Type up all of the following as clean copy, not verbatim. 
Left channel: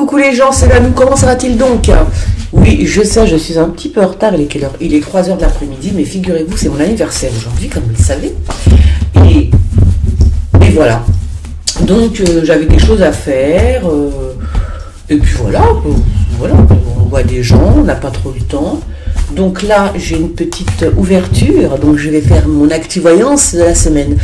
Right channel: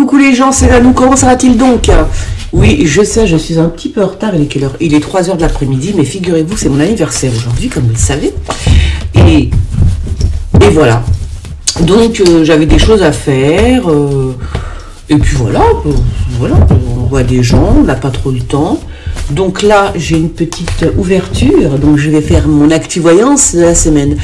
Coucou les gens, c'est Nanou, comment ça va-t-il donc? Oui, je sais, je suis un petit peu en retard, il est quelle heure? Il est 3 h de l'après-midi, mais figurez-vous, c'est mon anniversaire aujourd'hui, comme vous le savez. Et voilà. Donc, j'avais des choses à faire. Et puis voilà, on voit des gens, on n'a pas trop le temps. Donc là, j'ai une petite ouverture, donc je vais faire mon activoyance de la semaine.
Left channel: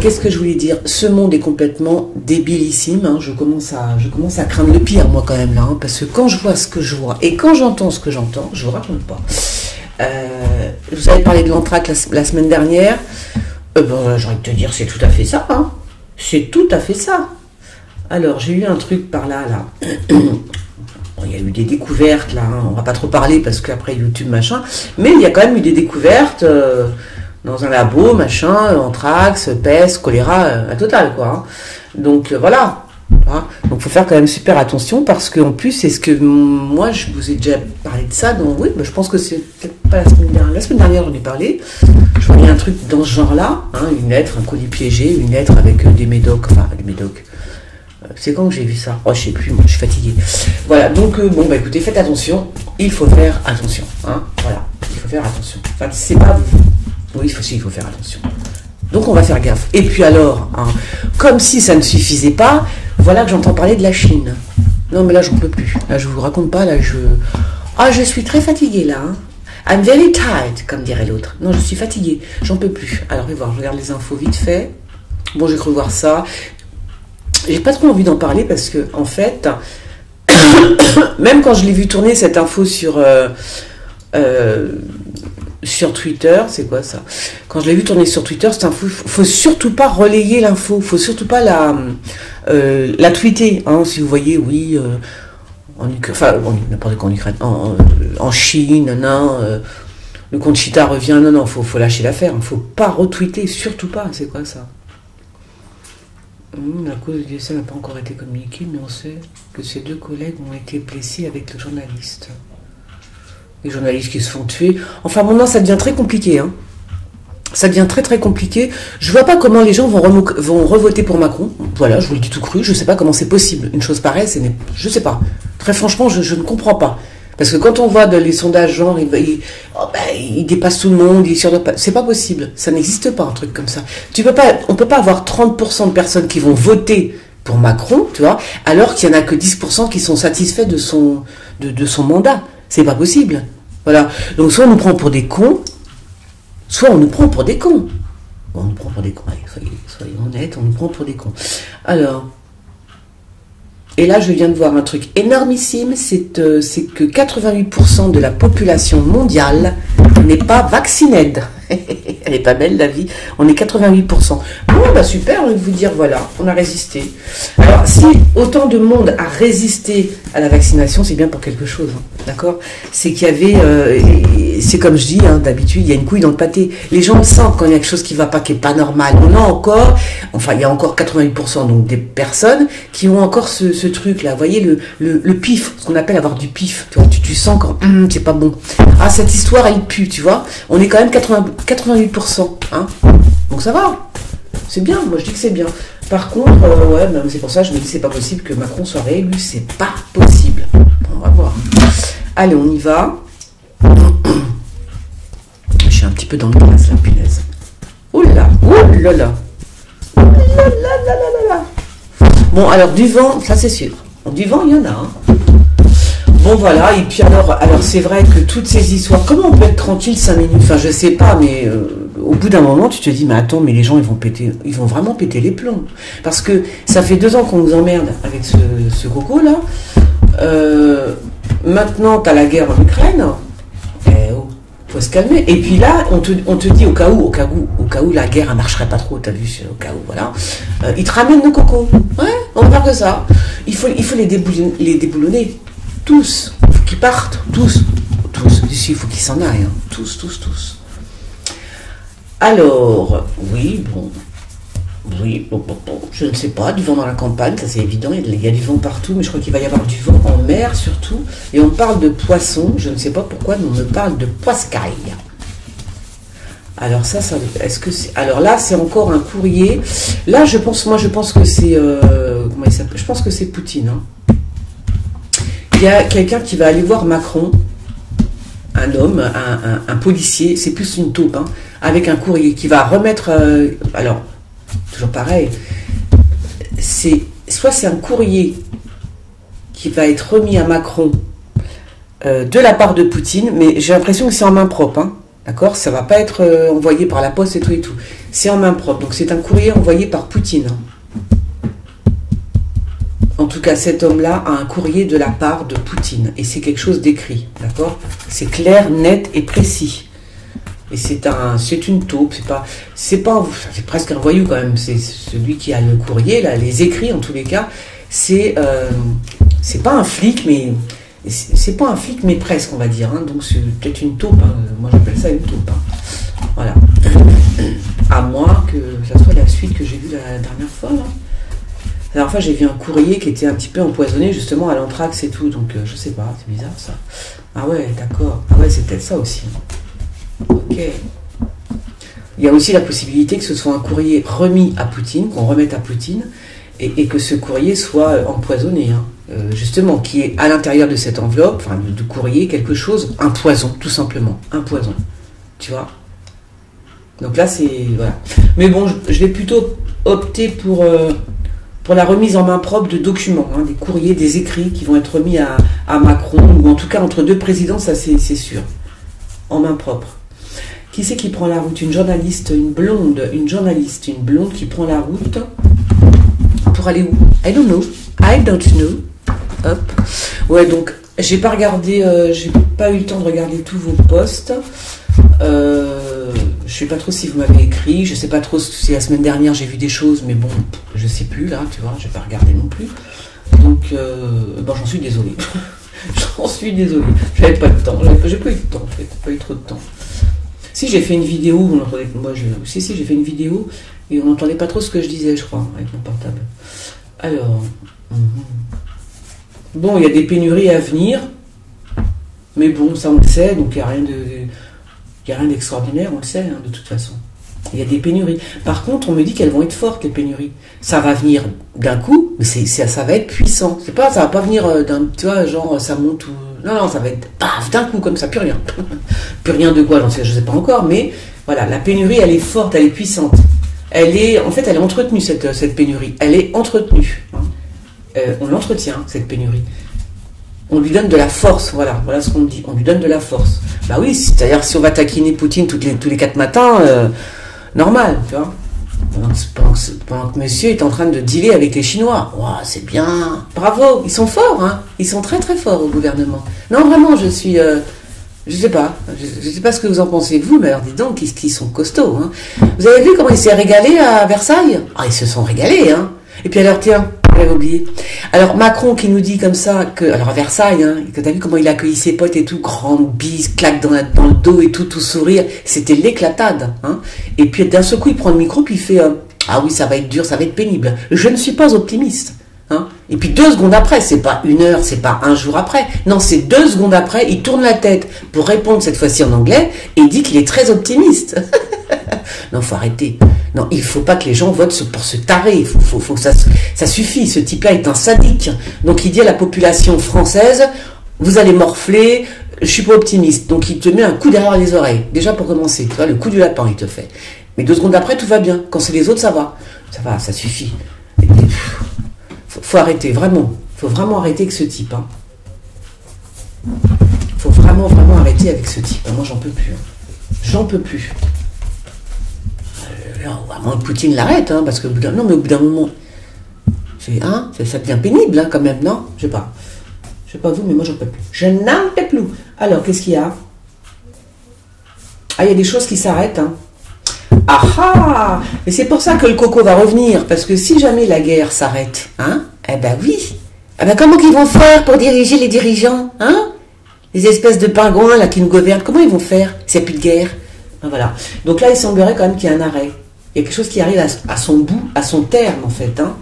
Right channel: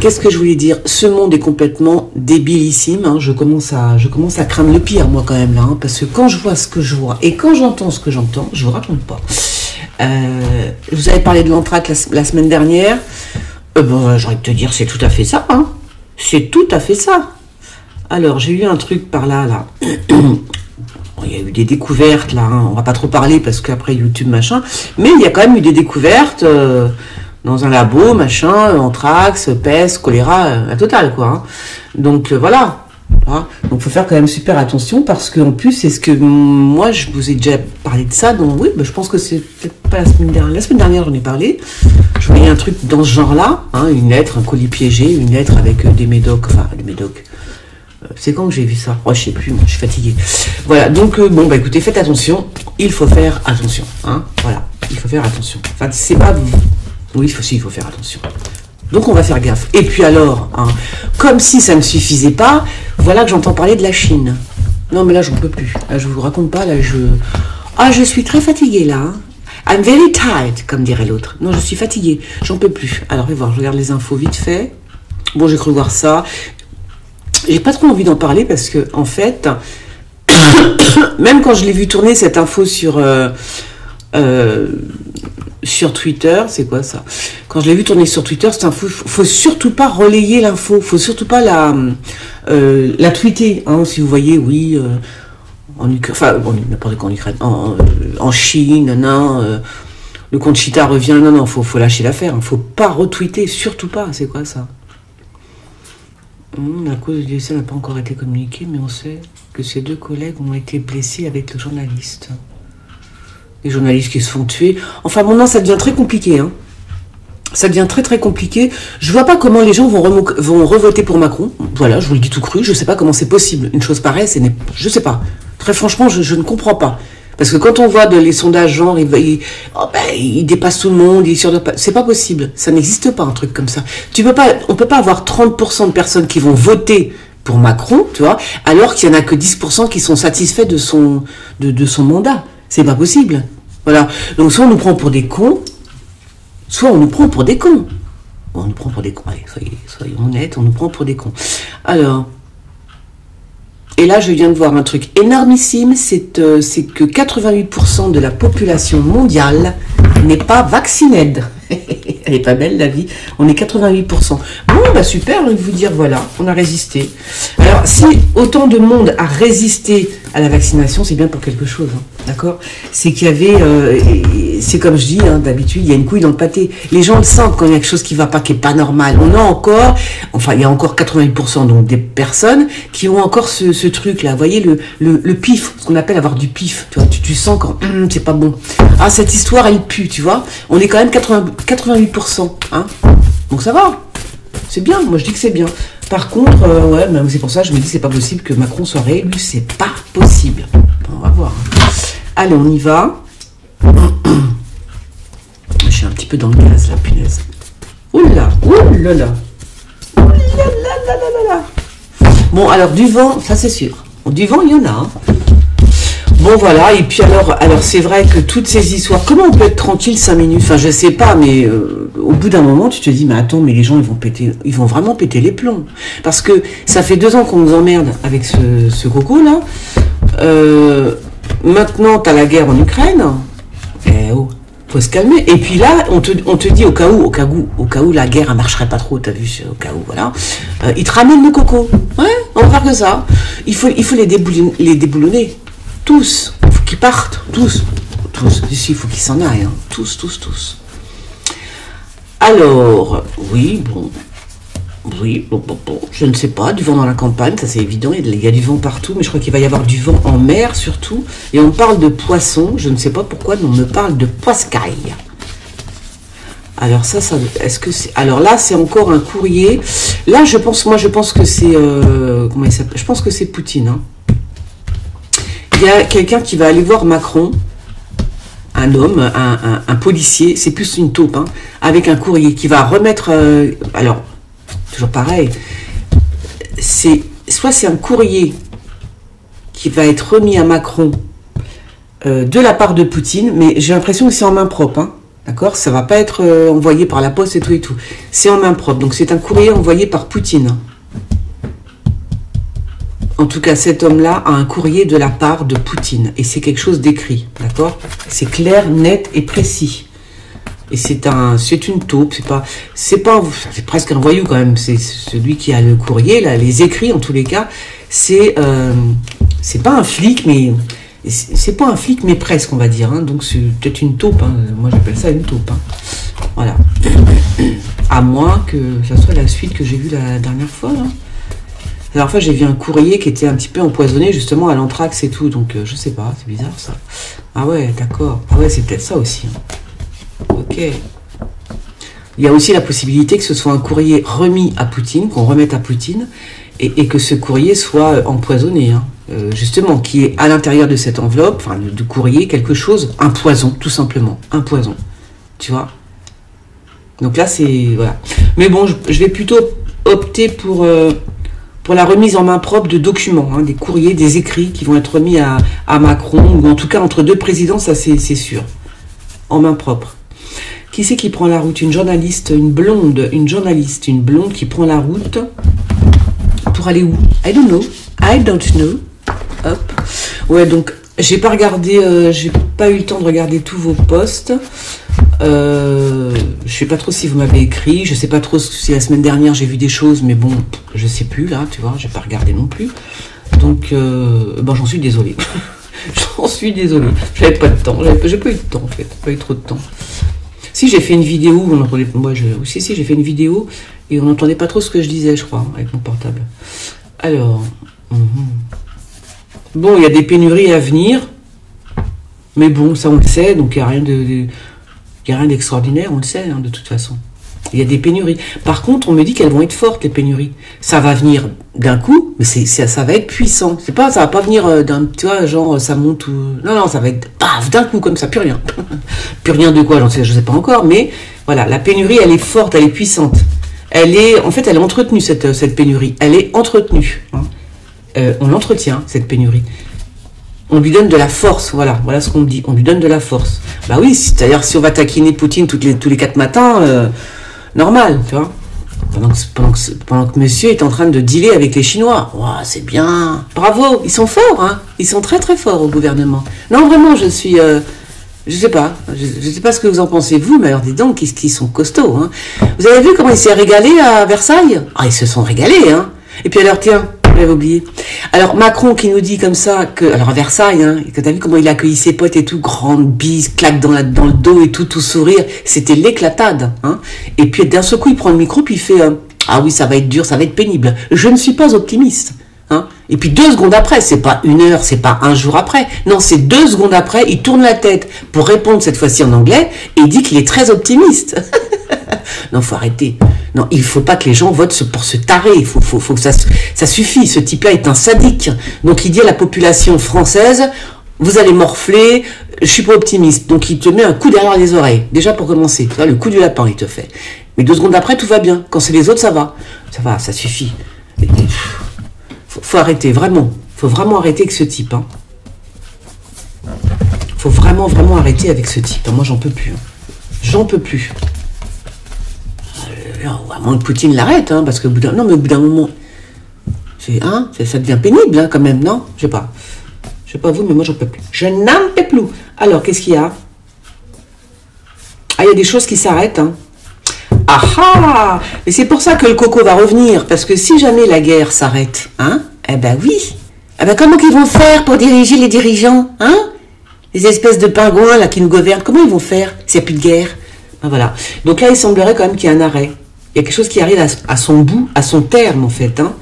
Qu'est-ce que je voulais dire? Ce monde est complètement débilissime, hein. Je commence à craindre le pire, moi, quand même, là, hein, parce que quand je vois ce que je vois et quand j'entends ce que j'entends, je vous raconte pas. Vous avez parlé de l'anthrax la semaine dernière. J'ai envie de te dire, c'est tout à fait ça, hein. C'est tout à fait ça. Alors, j'ai eu un truc par là. Bon, il y a eu des découvertes, là, hein. On va pas trop parler parce qu'après YouTube, machin. Mais il y a quand même eu des découvertes dans un labo, machin, anthrax, peste, choléra, la totale, quoi. Hein. Donc, voilà. Hein. Donc, il faut faire quand même super attention parce qu'en plus, c'est ce que moi, je vous ai déjà parlé de ça. Donc, oui, je pense que c'est peut-être pas la semaine dernière. La semaine dernière, j'en ai parlé. Je voyais un truc dans ce genre-là. Hein, une lettre, un colis piégé, une lettre avec des médocs. Enfin, des médocs. C'est quand que j'ai vu ça? Oh, je sais plus, moi, je suis fatiguée. Voilà, donc, écoutez, faites attention. Il faut faire attention. Hein, voilà, il faut faire attention. Enfin, c'est pas... Oui, il faut faire attention. Donc, on va faire gaffe. Et puis alors, hein, comme si ça ne suffisait pas, voilà que j'entends parler de la Chine. Non, mais là, j'en peux plus. Là, je vous raconte pas, là, je suis très fatiguée, là. Hein. I'm very tired, comme dirait l'autre. Non, je suis fatiguée. J'en peux plus. Alors, voir, je regarde les infos vite fait. Bon, j'ai cru voir ça. J'ai pas trop envie d'en parler parce que, en fait, même quand je l'ai vu tourner cette info sur Twitter, c'est quoi ça? Quand je l'ai vu tourner sur Twitter, cette info, faut surtout pas relayer l'info, faut surtout pas la tweeter, hein, si vous voyez, oui, en Ukraine, enfin, n'importe quoi en Ukraine, en Chine, le compte Chita revient, non, faut lâcher l'affaire, hein, faut pas retweeter, surtout pas, c'est quoi ça? La cause du décès n'a pas encore été communiquée, mais on sait que ces 2 collègues ont été blessés avec le journaliste. Les journalistes qui se font tuer. Enfin, maintenant, ça devient très compliqué. Hein. Ça devient très, très compliqué. Je vois pas comment les gens vont revoter pour Macron. Voilà, je vous le dis tout cru. Je sais pas comment c'est possible. Une chose pareille, je sais pas. Très franchement, je ne comprends pas. Parce que quand on voit les sondages, genre, il dépasse tout le monde, c'est pas possible. Ça n'existe pas, un truc comme ça. On peut pas avoir 30% de personnes qui vont voter pour Macron, tu vois, alors qu'il y en a que 10% qui sont satisfaits de son mandat. C'est pas possible. Voilà. Donc, soit on nous prend pour des cons, soit on nous prend pour des cons. Bon, on nous prend pour des cons. Allez, soyons honnêtes, on nous prend pour des cons. Alors, et là, je viens de voir un truc énormissime, c'est que 88% de la population mondiale n'est pas vaccinée. Elle est pas belle, la vie. On est 88%. Bon, super, je vais vous dire, voilà, on a résisté. Alors, si autant de monde a résisté à la vaccination, c'est bien pour quelque chose, hein, d'accord? C'est qu'il y avait, c'est comme je dis, hein, d'habitude, il y a une couille dans le pâté. Les gens le sentent quand il y a quelque chose qui va pas, qui est pas normal. Il y a encore 88% donc des personnes qui ont encore ce truc-là. Vous voyez, le pif, ce qu'on appelle avoir du pif. Tu vois, tu sens quand c'est pas bon. Ah, cette histoire, elle pue, tu vois. On est quand même 88%, hein. Donc ça va. C'est bien, moi je dis que c'est bien. Par contre, même c'est pour ça que je me dis c'est pas possible que Macron soit réélu, c'est pas possible. On va voir. Hein. Allez, on y va. Je suis un petit peu dans le gaz, la punaise. Oula, oulala. Bon, alors du vent, ça c'est sûr. Du vent, il y en a. Hein. Bon voilà, et puis alors c'est vrai que toutes ces histoires, comment on peut être tranquille 5 minutes? Enfin je sais pas, mais au bout d'un moment tu te dis, mais attends, mais les gens ils vont vraiment péter les plombs. Parce que ça fait 2 ans qu'on nous emmerde avec ce coco là. Maintenant t'as la guerre en Ukraine. Faut se calmer. Et puis là, on te dit au cas où la guerre elle marcherait pas trop, t'as vu, au cas où, voilà. Ils te ramènent le coco. Ouais, on va faire que ça. Il faut les déboulonner. Tous, il faut qu'ils partent, tous, ici il faut qu'ils s'en aillent, hein. Tous. Alors, oui, bon, je ne sais pas, du vent dans la campagne, ça c'est évident, il y a du vent partout, mais je crois qu'il va y avoir du vent en mer surtout, et on parle de poissons, je ne sais pas pourquoi, mais on me parle de poiscaille. Alors ça, est-ce que c'est... Alors là, c'est encore un courrier, là je pense que c'est, comment il s'appelle? Je pense que c'est Poutine, hein. il y a quelqu'un qui va aller voir Macron, un homme, un policier, c'est plus une taupe, hein, avec un courrier qui va remettre... alors, toujours pareil, soit c'est un courrier qui va être remis à Macron de la part de Poutine, mais j'ai l'impression que c'est en main propre, hein, d'accord? Ça ne va pas être envoyé par la poste et tout et tout. C'est en main propre, donc c'est un courrier envoyé par Poutine. En tout cas, cet homme-là a un courrier de la part de Poutine. Et c'est quelque chose d'écrit, d'accord? C'est clair, net et précis. Et c'est une taupe, c'est presque un voyou quand même. C'est celui qui a le courrier, là, les écrits en tous les cas. C'est pas un flic, mais c'est pas un flic, mais presque, on va dire. Hein. Donc c'est peut-être une taupe. Hein. Moi, j'appelle ça une taupe. Hein. Voilà. À moins que ça soit la suite que j'ai vue la dernière fois, là. La dernière fois, j'ai vu un courrier qui était un petit peu empoisonné, justement, à l'anthrax et tout. Donc, je sais pas, c'est bizarre, ça. Ah ouais, d'accord. Ah ouais, c'est peut-être ça aussi. Hein. Ok. Il y a aussi la possibilité que ce soit un courrier remis à Poutine, qu'on remette à Poutine, et que ce courrier soit empoisonné. Hein. Justement, qui est à l'intérieur de cette enveloppe, enfin, du courrier, quelque chose, un poison, tout simplement. Un poison. Tu vois? Donc là, c'est... Voilà. Mais bon, je vais plutôt opter pour la remise en main propre de documents, hein, des courriers, des écrits qui vont être remis à Macron, ou en tout cas entre deux présidents, ça c'est sûr, en main propre. Qui c'est qui prend la route? Une journaliste, une blonde qui prend la route pour aller où? I don't know. Hop. Ouais, donc j'ai pas regardé, j'ai pas eu le temps de regarder tous vos posts. Je sais pas trop si vous m'avez écrit, je sais pas trop si la semaine dernière j'ai vu des choses, mais bon, je sais plus là, tu vois, j'ai pas regardé non plus. Donc, bon, j'en suis désolée. J'avais pas de temps, j'ai pas eu de temps en fait, pas eu trop de temps. Si j'ai fait une vidéo, j'ai fait une vidéo et on n'entendait pas trop ce que je disais, je crois, avec mon portable. Alors, bon, il y a des pénuries à venir, mais bon, ça on le sait, donc il n'y a rien d'extraordinaire, on le sait, hein, de toute façon. Il y a des pénuries. Par contre, on me dit qu'elles vont être fortes, les pénuries. Ça va venir d'un coup, mais ça va être puissant. Ça va pas venir tu vois, genre, ça monte ou... Non, ça va être, paf, d'un coup, comme ça, plus rien. Plus rien de quoi, je sais pas encore, mais voilà, la pénurie, elle est forte, elle est puissante. Elle est entretenue, cette pénurie. Elle est entretenue. Hein. On l'entretient, cette pénurie. On lui donne de la force, voilà ce qu'on me dit. On lui donne de la force. Bah oui, c'est-à-dire si on va taquiner Poutine tous les 4 matins, normal, tu vois. Pendant que monsieur est en train de dealer avec les Chinois. Wow, c'est bien. Bravo, ils sont forts, hein. Ils sont très très forts au gouvernement. Non, vraiment, je sais pas. Je sais pas ce que vous en pensez, vous, mais alors dis donc, qu'ils sont costauds, hein. Vous avez vu comment il s'est régalé à Versailles? Ah, ils se sont régalés, hein. Et puis alors, tiens, j'avais oublié. Alors Macron qui nous dit comme ça que, alors à Versailles, hein, que t'as vu comment il a accueilli ses potes et tout, grande bise, claque dans le dos et tout sourire, c'était l'éclatade, hein. Et puis d'un seul coup il prend le micro puis il fait ah oui, ça va être dur, ça va être pénible. Je ne suis pas optimiste, hein. Et puis 2 secondes après, c'est pas 1 heure, c'est pas 1 jour après, non, c'est 2 secondes après, il tourne la tête pour répondre cette fois-ci en anglais et il dit qu'il est très optimiste. Non, faut arrêter. Non, il faut pas que les gens votent pour se tarer. Il faut que ça suffit. Ce type-là est un sadique. Donc il dit à la population française, vous allez morfler, je suis pas optimiste. Donc il te met un coup derrière les oreilles. Déjà pour commencer, tu vois, le coup du lapin, il te fait. Mais 2 secondes après, tout va bien. Quand c'est les autres, ça va. Ça va, ça suffit. Faut arrêter, vraiment. Faut vraiment arrêter avec ce type. Hein. Faut vraiment arrêter avec ce type. Moi, j'en peux plus. Hein. J'en peux plus. À moins que Poutine l'arrête, hein, parce que au bout d'un moment, ça devient pénible, hein, quand même, non? Je sais pas vous, mais moi j'en peux plus. Je n'en peux plus. Alors, qu'est-ce qu'il y a? Ah, il y a des choses qui s'arrêtent, hein. Ah ah! Et c'est pour ça que le coco va revenir, parce que si jamais la guerre s'arrête, hein, eh ben oui. Eh ben comment qu'ils vont faire pour diriger les dirigeants, hein? Les espèces de pingouins là qui nous gouvernent, comment ils vont faire s'il n'y a plus de guerre? Ben voilà. Donc là, il semblerait quand même qu'il y ait un arrêt. Il y a quelque chose qui arrive à son bout, à son terme en fait. Hein.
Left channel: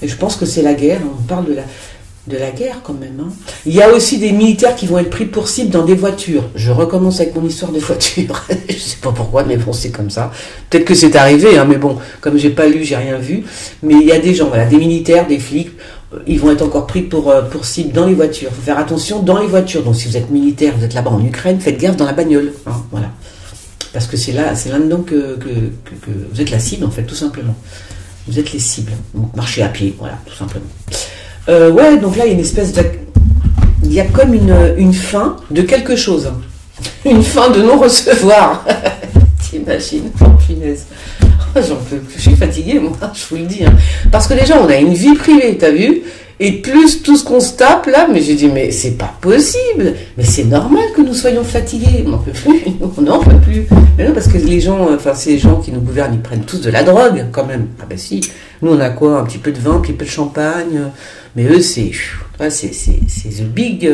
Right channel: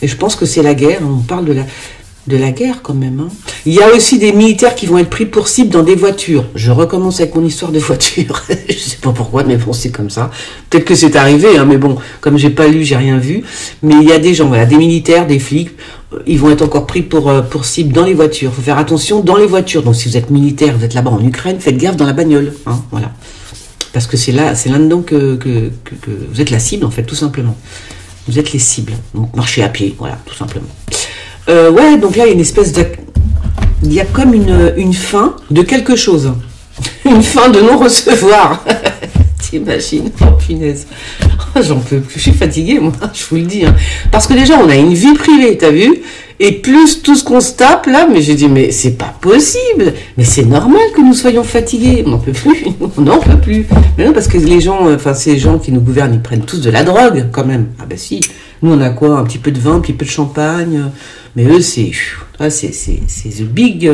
Et je pense que c'est la guerre. On parle de la guerre quand même. Hein. Il y a aussi des militaires qui vont être pris pour cible dans des voitures. Je recommence avec mon histoire de voiture. Je sais pas pourquoi, mais bon, c'est comme ça. Peut-être que c'est arrivé, hein, mais bon, comme j'ai pas lu, j'ai rien vu. Mais il y a des gens, voilà, des militaires, des flics, ils vont être encore pris pour cible dans les voitures. Il faut faire attention dans les voitures. Donc si vous êtes militaire, vous êtes là-bas en Ukraine, faites gaffe dans la bagnole. Hein, voilà. Parce que c'est là-dedans que vous êtes la cible, en fait, tout simplement. Vous êtes les cibles. Donc marchez à pied, voilà, tout simplement. Ouais, donc là, il y a une espèce de... Il y a comme une fin de quelque chose. Une fin de non-recevoir. T'imagines? Oh, punaise. J'en peux plus. Je suis fatiguée, moi, je vous le dis. Hein. Parce que déjà, on a une vie privée, t'as vu? Et plus tout ce qu'on se tape, là, mais j'ai dit, mais c'est pas possible. Mais c'est normal que nous soyons fatigués. On n'en peut plus. On n'en peut plus. Mais non, parce que les gens, enfin, ces gens qui nous gouvernent, ils prennent tous de la drogue, quand même. Ah ben si. Nous, on a quoi? Un petit peu de vin, un petit peu de champagne. Mais eux, c'est the big...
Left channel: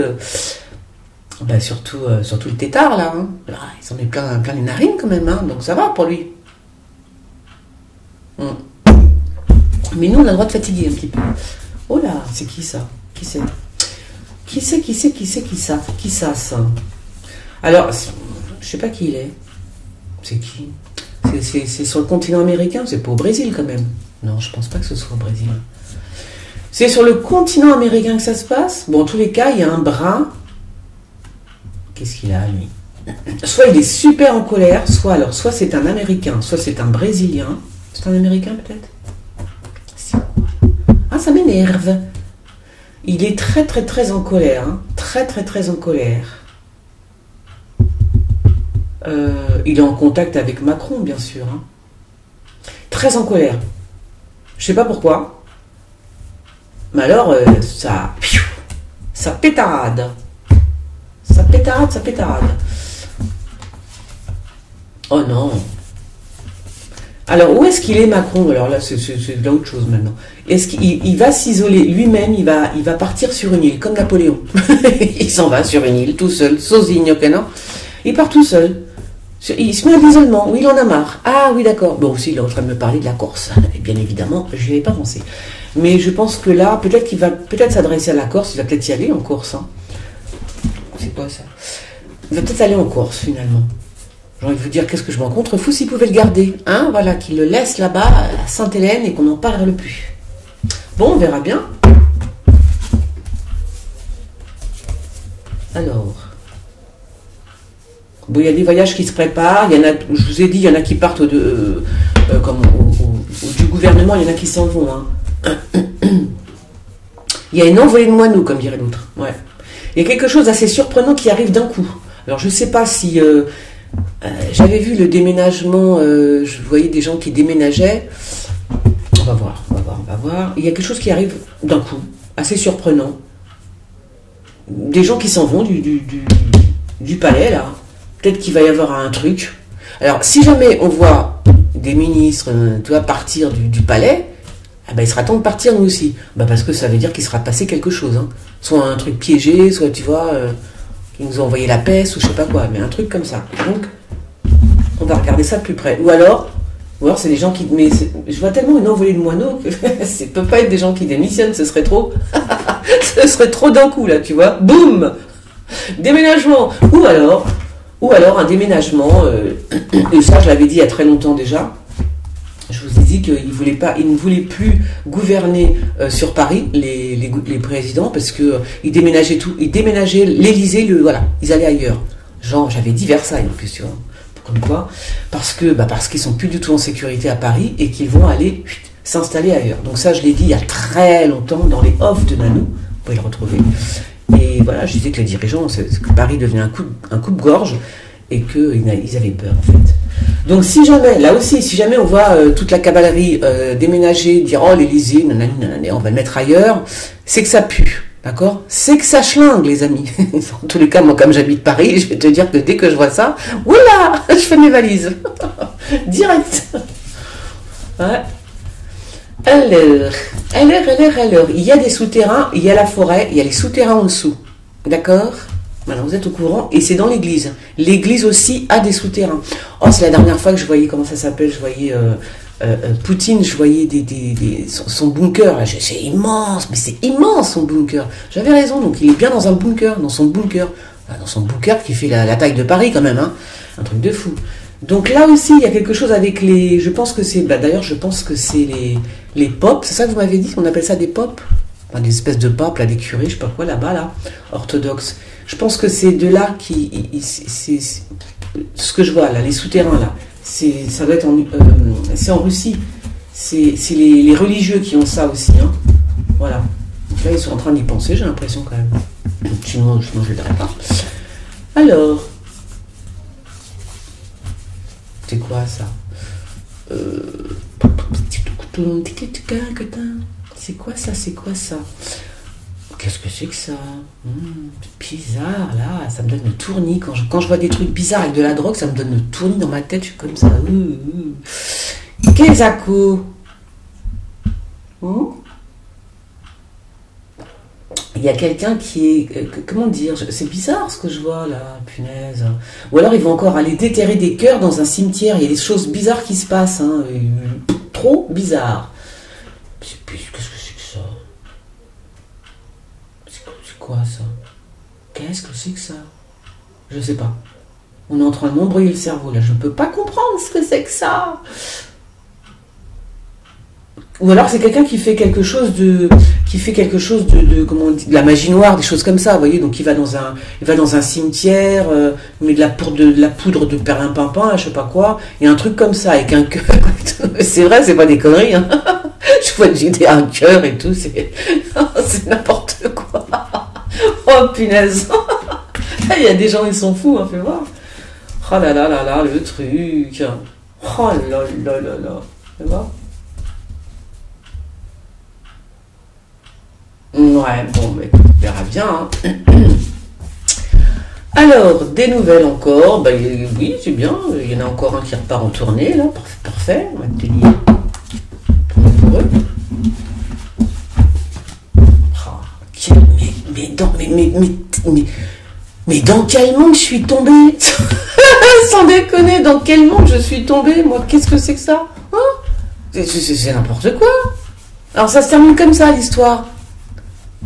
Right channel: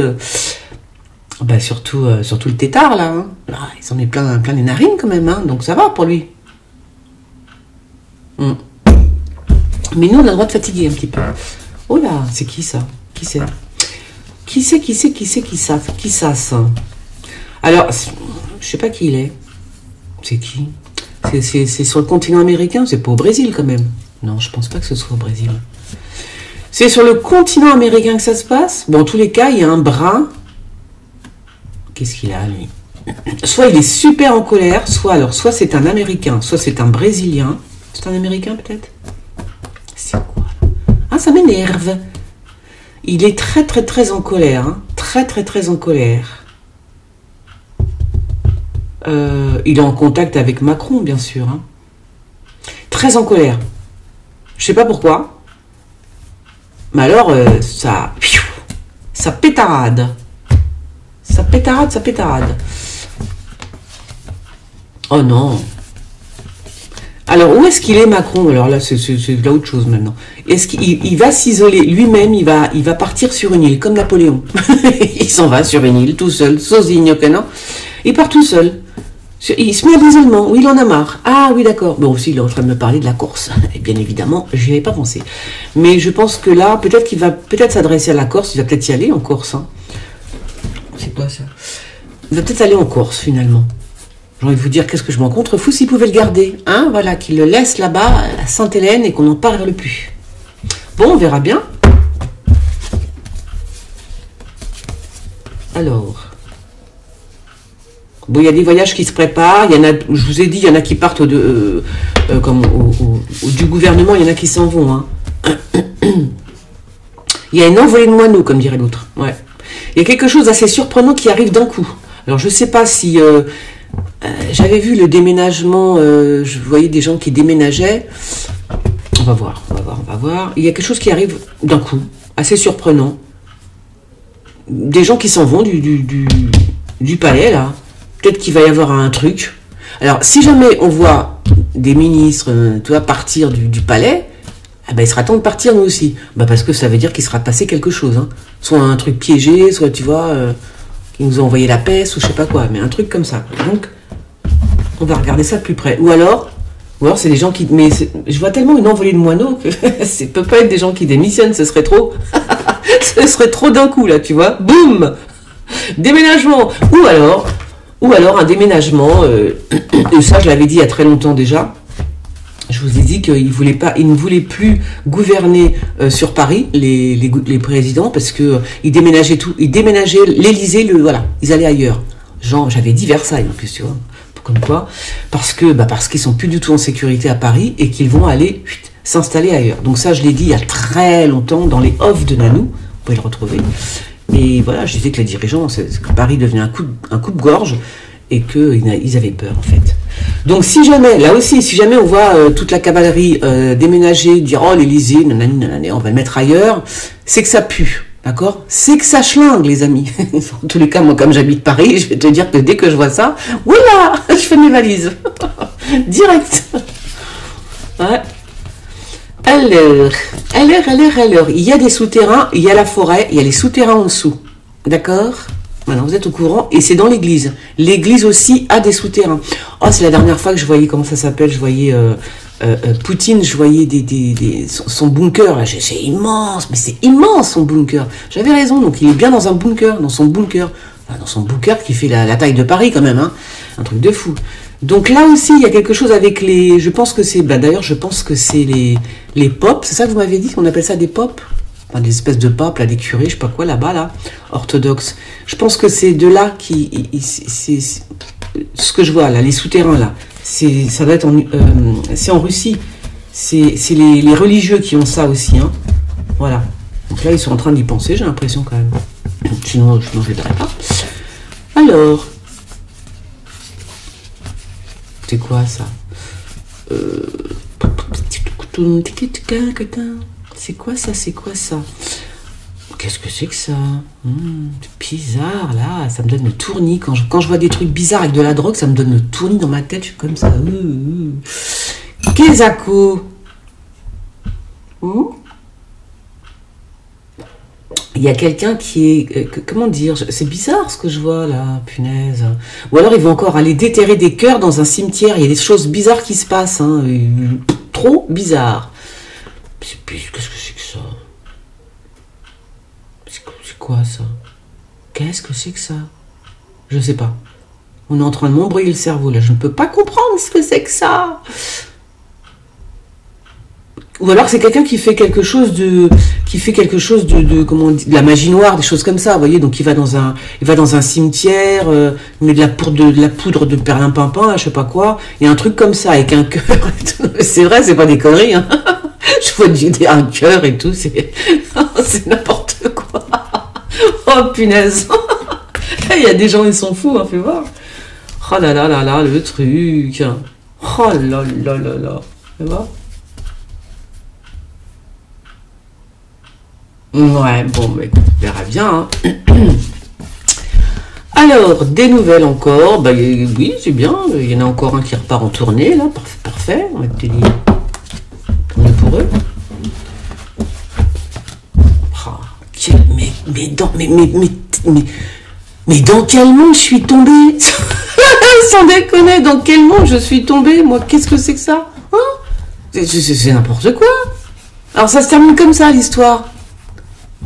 Ben surtout le tétard, là. Hein. Ah, il s'en met plein les narines, quand même. Hein. Donc ça va pour lui. Mais nous, on a le droit de fatiguer un petit peu. Oh là, c'est qui ça? Qui c'est? Qui ça? Alors, je sais pas qui il est. C'est qui? C'est sur le continent américain? C'est pas au Brésil, quand même. Non, je pense pas que ce soit au Brésil. C'est sur le continent américain que ça se passe? Bon, en tous les cas, il y a un bras... Qu'est-ce qu'il a, lui? Soit il est super en colère, soit c'est un Américain, soit c'est un Brésilien. C'est un Américain, peut-être? C'est quoi? Ah, ça m'énerve. Il est très, très, très en colère. Hein. Très, très, très en colère. Il est en contact avec Macron, bien sûr. Hein. Très en colère. Je sais pas pourquoi. Mais alors, ça pétarade. Ça pétarade. Oh non. Alors, où est-ce qu'il est, Macron? Alors là, c'est là autre chose maintenant. Est-ce qu'il va s'isoler lui-même? Il va partir sur une île, comme Napoléon. Il s'en va sur une île, tout seul, sozigne, ok, non? Il part tout seul. Il se met à l'isolement, où il en a marre. Ah oui, d'accord. Bon, aussi, il est en train de me parler de la Corse. Et bien évidemment, je n'y avais pas pensé. Mais je pense que là, peut-être qu'il va s'adresser à la Corse. Il va peut-être y aller en Corse. Hein. C'est quoi ça? Il va peut-être aller en Corse, finalement. J'ai envie de vous dire, qu'est-ce que je m'en contrefous s'il pouvait le garder. Hein, voilà, qu'il le laisse là-bas, à Sainte-Hélène, et qu'on n'en parle plus. Bon, on verra bien. Alors... Bon, il y a des voyages qui se préparent. Il y en a, je vous ai dit, il y en a qui partent du gouvernement, il y en a qui s'en vont. Hein. Il y a une envolée de moineaux, comme dirait l'autre. Ouais. Il y a quelque chose d'assez surprenant qui arrive d'un coup. Alors, je ne sais pas si... j'avais vu le déménagement, je voyais des gens qui déménageaient. On va voir. Il y a quelque chose qui arrive d'un coup, assez surprenant. Des gens qui s'en vont du palais, là. Peut-être qu'il va y avoir un truc. Alors, si jamais on voit des ministres, tu vois, partir du palais, eh ben, il sera temps de partir nous aussi. Ben, parce que ça veut dire qu'il sera passé quelque chose. Hein. Soit un truc piégé, soit, tu vois, qui nous a envoyé la peste ou je sais pas quoi. Mais un truc comme ça. Donc, on va regarder ça de plus près. Ou alors c'est des gens qui... Mais je vois tellement une envolée de moineaux que ça peut pas être des gens qui démissionnent. Ce serait trop... ce serait trop d'un coup, là, tu vois. Boum! Déménagement. Ou alors un déménagement, et ça je l'avais dit il y a très longtemps déjà, je vous ai dit qu'ils ne voulaient plus gouverner sur Paris, les présidents, parce qu'ils déménageaient tout, ils déménageaient l'Élysée, voilà, ils allaient ailleurs. Genre, j'avais dit Versailles en plus, tu vois, comme quoi, parce qu'ils sont plus du tout en sécurité à Paris et qu'ils vont aller s'installer ailleurs. Donc ça je l'ai dit il y a très longtemps dans les offs de Nanou, vous pouvez le retrouver. Et voilà, je disais que les dirigeants, que Paris devenait un coupe-gorge et qu'ils avaient peur, en fait. Donc, si jamais on voit toute la cavalerie déménager, dire « Oh, l'Élysée, nanani, on va le mettre ailleurs », c'est que ça pue, d'accord? C'est que ça schlingue, les amis. En tous les cas, moi, comme j'habite Paris, je vais te dire que dès que je vois ça, voilà, je fais mes valises. Direct. Ouais. Alors, il y a des souterrains, il y a la forêt, il y a les souterrains en dessous. D'accord? Voilà, vous êtes au courant. Et c'est dans l'église. L'église aussi a des souterrains. Oh, c'est la dernière fois que je voyais, comment ça s'appelle, je voyais Poutine, je voyais son bunker. Là, c'est immense, mais c'est immense son bunker. J'avais raison, donc il est bien dans un bunker, dans son bunker. Enfin, dans son bunker qui fait la taille de Paris quand même, hein. Un truc de fou. Donc là aussi, il y a quelque chose avec les... Je pense que c'est... d'ailleurs, je pense que c'est les pop. C'est ça que vous m'avez dit? On appelle ça des pop? enfin, des espèces de papes, là, des curés, je sais pas quoi, là-bas, là, orthodoxes. Je pense que c'est de là qui... c'est ce que je vois, là, les souterrains, là. Ça doit être c'est en Russie. C'est les religieux qui ont ça aussi, hein. Voilà. Donc là, ils sont en train d'y penser, j'ai l'impression, quand même. Sinon, je ne le dirais pas. Alors... C'est quoi, ça? C'est quoi ça? C'est quoi ça? Qu'est-ce que c'est que ça? C'est bizarre, là. Ça me donne le tournis. Quand je vois des trucs bizarres avec de la drogue, ça me donne le tournis dans ma tête. Je suis comme ça. Kezako. Il y a quelqu'un qui est... Comment dire? C'est bizarre ce que je vois là, punaise. Ou alors ils vont encore aller déterrer des cœurs dans un cimetière. Il y a des choses bizarres qui se passent. Hein. Trop bizarre. Qu'est-ce que c'est que ça? C'est quoi ça? Qu'est-ce que c'est que ça? Je sais pas. On est en train de m'embrouiller le cerveau là. Je ne peux pas comprendre ce que c'est que ça. Ou alors c'est quelqu'un qui fait quelque chose de comment on dit, de la magie noire, des choses comme ça, vous voyez. Donc il va dans un cimetière, il met de la poudre de perlimpinpin, je sais pas quoi, et un truc comme ça avec un cœur. C'est vrai, c'est pas des conneries. Hein. Je vois un cœur et tout, c'est n'importe quoi. Oh punaise. Il y a des gens, ils sont fous, hein, fais voir. Oh là là là là, le truc. Oh là là là là. Fais voir. Ouais, bon, mais on verra bien. Hein. Alors, des nouvelles encore. Bah, oui, c'est bien. Il y en a encore un qui repart en tournée, là. Parfait. On va te dire. Tant mieux pour eux. Oh, mais dans quel monde je suis tombée? Sans déconner, dans quel monde je suis tombée? Moi, qu'est-ce que c'est que ça? Hein? C'est n'importe quoi. Alors, ça se termine comme ça, l'histoire.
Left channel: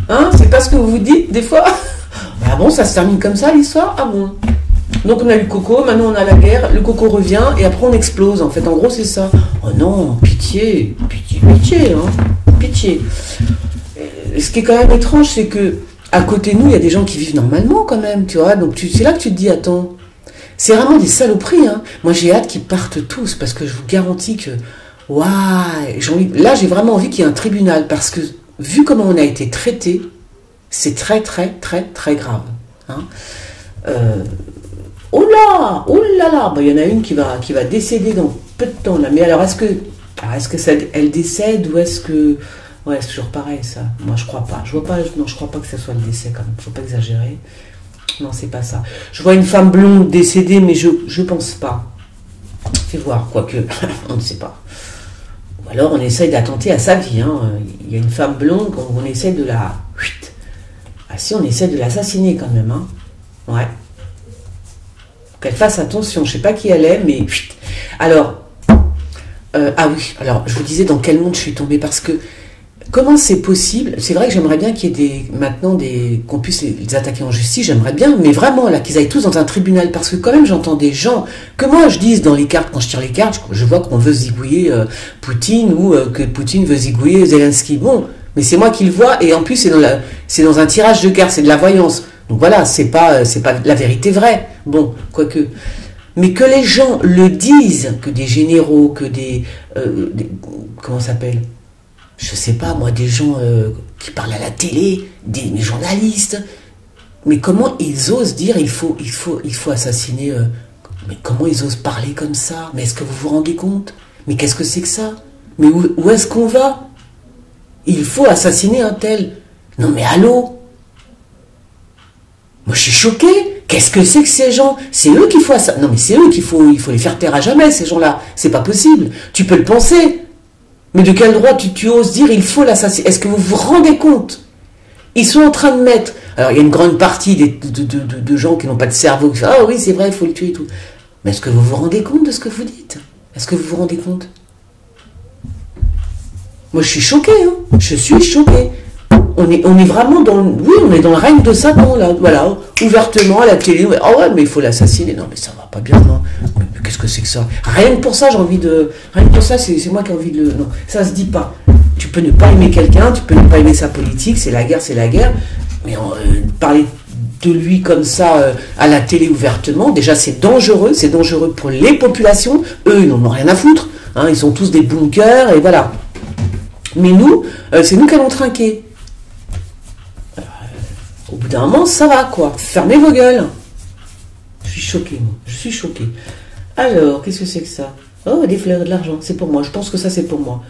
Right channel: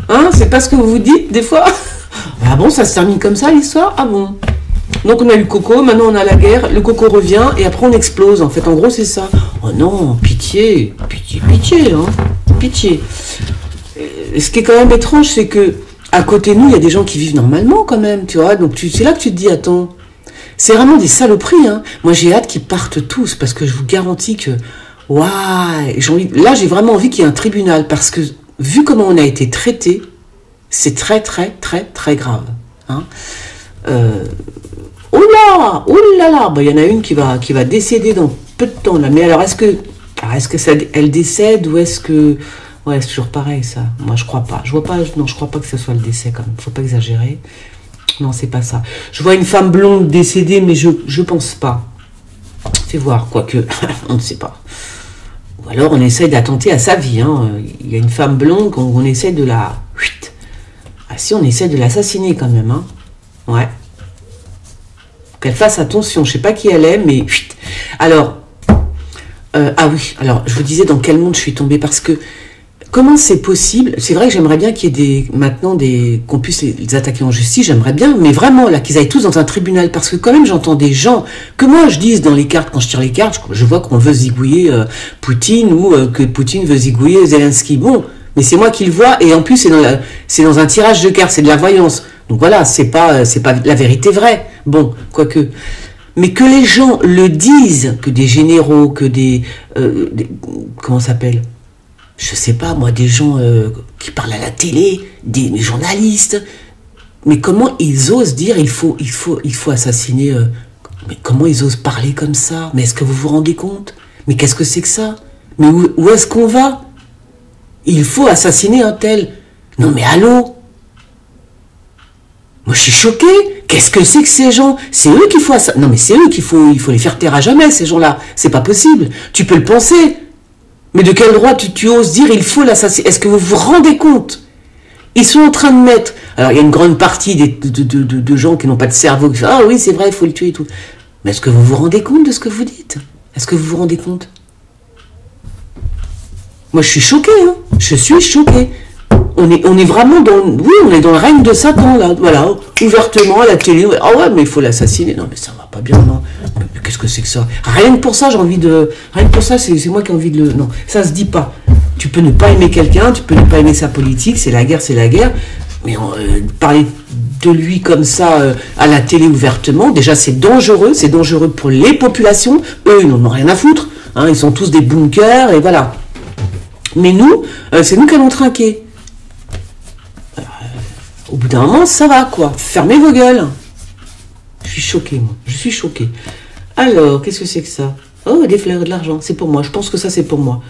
Hein, c'est pas ce que vous vous dites des fois? Ah bon, ça se termine comme ça l'histoire? Ah bon? Donc on a eu Coco, maintenant on a la guerre, le Coco revient et après on explose. En fait, en gros c'est ça. Oh non, pitié, pitié, hein, pitié. Ce qui est quand même étrange, c'est que à côté de nous, il y a des gens qui vivent normalement quand même, tu vois. Donc c'est là que tu te dis, attends, c'est vraiment des saloperies. Hein. Moi j'ai hâte qu'ils partent tous parce que je vous garantis que, waouh, là j'ai vraiment envie qu'il y ait un tribunal parce que vu comment on a été traité, c'est très, très, très, très grave. Hein. Oh là là, bah, y en a une qui va décéder dans peu de temps. Là. Mais alors, est-ce que ça, elle décède ou est-ce que... Ouais, c'est toujours pareil, ça. Moi, je crois pas. Je crois pas que ce soit le décès, quand même. Faut pas exagérer. Non, c'est pas ça. Je vois une femme blonde décédée, mais je pense pas. Fais voir, quoique, on ne sait pas. Ou alors on essaye d'attenter à sa vie. Hein. Il y a une femme blonde qu'on essaie de la... Ah si, on essaie de l'assassiner quand même. Hein. Ouais. Qu'elle fasse attention. Je sais pas qui elle est, mais... Alors... ah oui, alors je vous disais dans quel monde je suis tombée. Parce que comment c'est possible? C'est vrai que j'aimerais bien qu'il y ait qu'on puisse les attaquer en justice. J'aimerais bien, mais vraiment là, qu'ils aillent tous dans un tribunal. Parce que quand même, j'entends des gens... Que moi, je dise dans les cartes, quand je tire les cartes, je vois qu'on veut zigouiller Poutine ou que Poutine veut zigouiller Zelensky. Bon, mais c'est moi qui le vois. Et en plus, c'est dans un tirage de cartes, c'est de la voyance. Donc voilà, c'est pas la vérité vraie. Bon, quoique... Mais que les gens le disent, que des généraux, que des comment ça s'appelle? Je sais pas, moi, des gens qui parlent à la télé, des journalistes. Mais comment ils osent dire il faut assassiner... mais comment ils osent parler comme ça? Mais est-ce que vous vous rendez compte? Mais qu'est-ce que c'est que ça? Mais où est-ce qu'on va? Il faut assassiner un tel. Non mais allô? Moi je suis choquée. Qu'est-ce que c'est que ces gens? C'est eux qu'il faut assassiner. Non mais c'est eux il faut les faire taire à jamais, ces gens-là. C'est pas possible. Tu peux le penser. Mais de quel droit tu oses dire il faut l'assassiner? Est-ce que vous vous rendez compte? Ils sont en train de mettre... Alors il y a une grande partie de gens qui n'ont pas de cerveau qui font « Ah oui, c'est vrai, il faut le tuer et tout. » Mais est-ce que vous vous rendez compte de ce que vous dites? Est-ce que vous vous rendez compte? Moi je suis choquée, hein. Je suis choquée. On est vraiment dans... Oui, on est dans le règne de Satan, là. Voilà, ouvertement à la télé. Ah ouais, mais il faut l'assassiner. Non, mais ça va pas bien, non. Mais qu'est-ce que c'est que ça? Rien que pour ça, j'ai envie de... Rien que pour ça, c'est moi qui ai envie de le... Non, ça se dit pas. Tu peux ne pas aimer quelqu'un, tu peux ne pas aimer sa politique, c'est la guerre, mais parler de lui comme ça à la télé ouvertement, déjà c'est dangereux pour les populations, eux ils n'en ont rien à foutre, hein, ils sont tous des bunkers et voilà. Mais nous, c'est nous qui allons trinquer. Au bout d'un moment, ça va quoi, fermez vos gueules. Je suis choquée moi, je suis choquée. Alors, qu'est-ce que c'est que ça? Oh, des fleurs et de l'argent, c'est pour moi, je pense que ça c'est pour moi.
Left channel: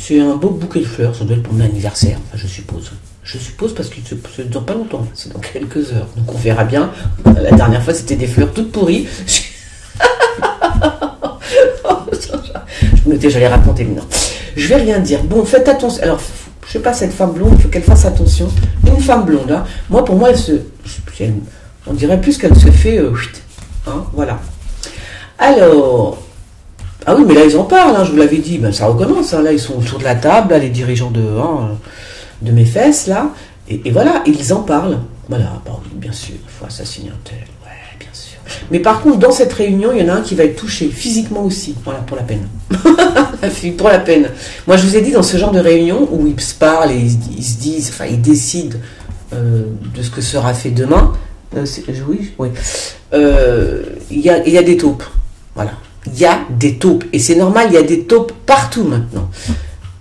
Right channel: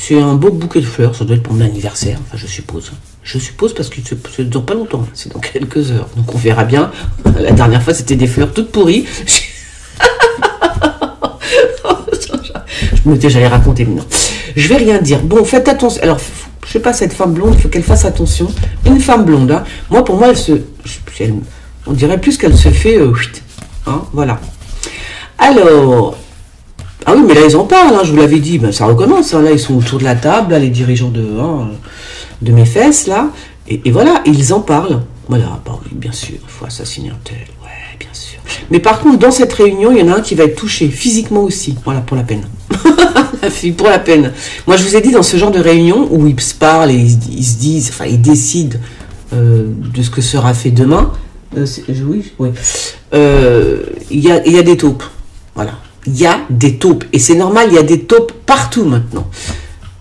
C'est un beau bouquet de fleurs, ça doit être pour mon anniversaire, enfin je suppose. Je suppose parce que ça ne dure pas longtemps, c'est dans quelques heures. Donc on verra bien. La dernière fois c'était des fleurs toutes pourries. Je me disais j'allais raconter, mais non. Je vais rien dire. Bon, faites attention. Alors, je sais pas, cette femme blonde, il faut qu'elle fasse attention. Une femme blonde, hein. Moi pour moi, on dirait plus qu'elle se fait... hein, voilà. Alors... Ah oui, mais là ils en parlent, hein, je vous l'avais dit, ben, ça recommence. Hein, là ils sont autour de la table, là, les dirigeants de mes fesses, là, et voilà, ils en parlent. Voilà, bah oui, bien sûr, il faut assassiner un tel, ouais, bien sûr. Mais par contre, dans cette réunion, il y en a un qui va être touché, physiquement aussi, voilà, pour la peine. Pour la peine. Moi, je vous ai dit, dans ce genre de réunion, où ils se parlent et ils se disent, enfin, ils décident de ce que sera fait demain, oui, il y a des taupes, voilà. Il y a des taupes, et c'est normal, il y a des taupes partout maintenant.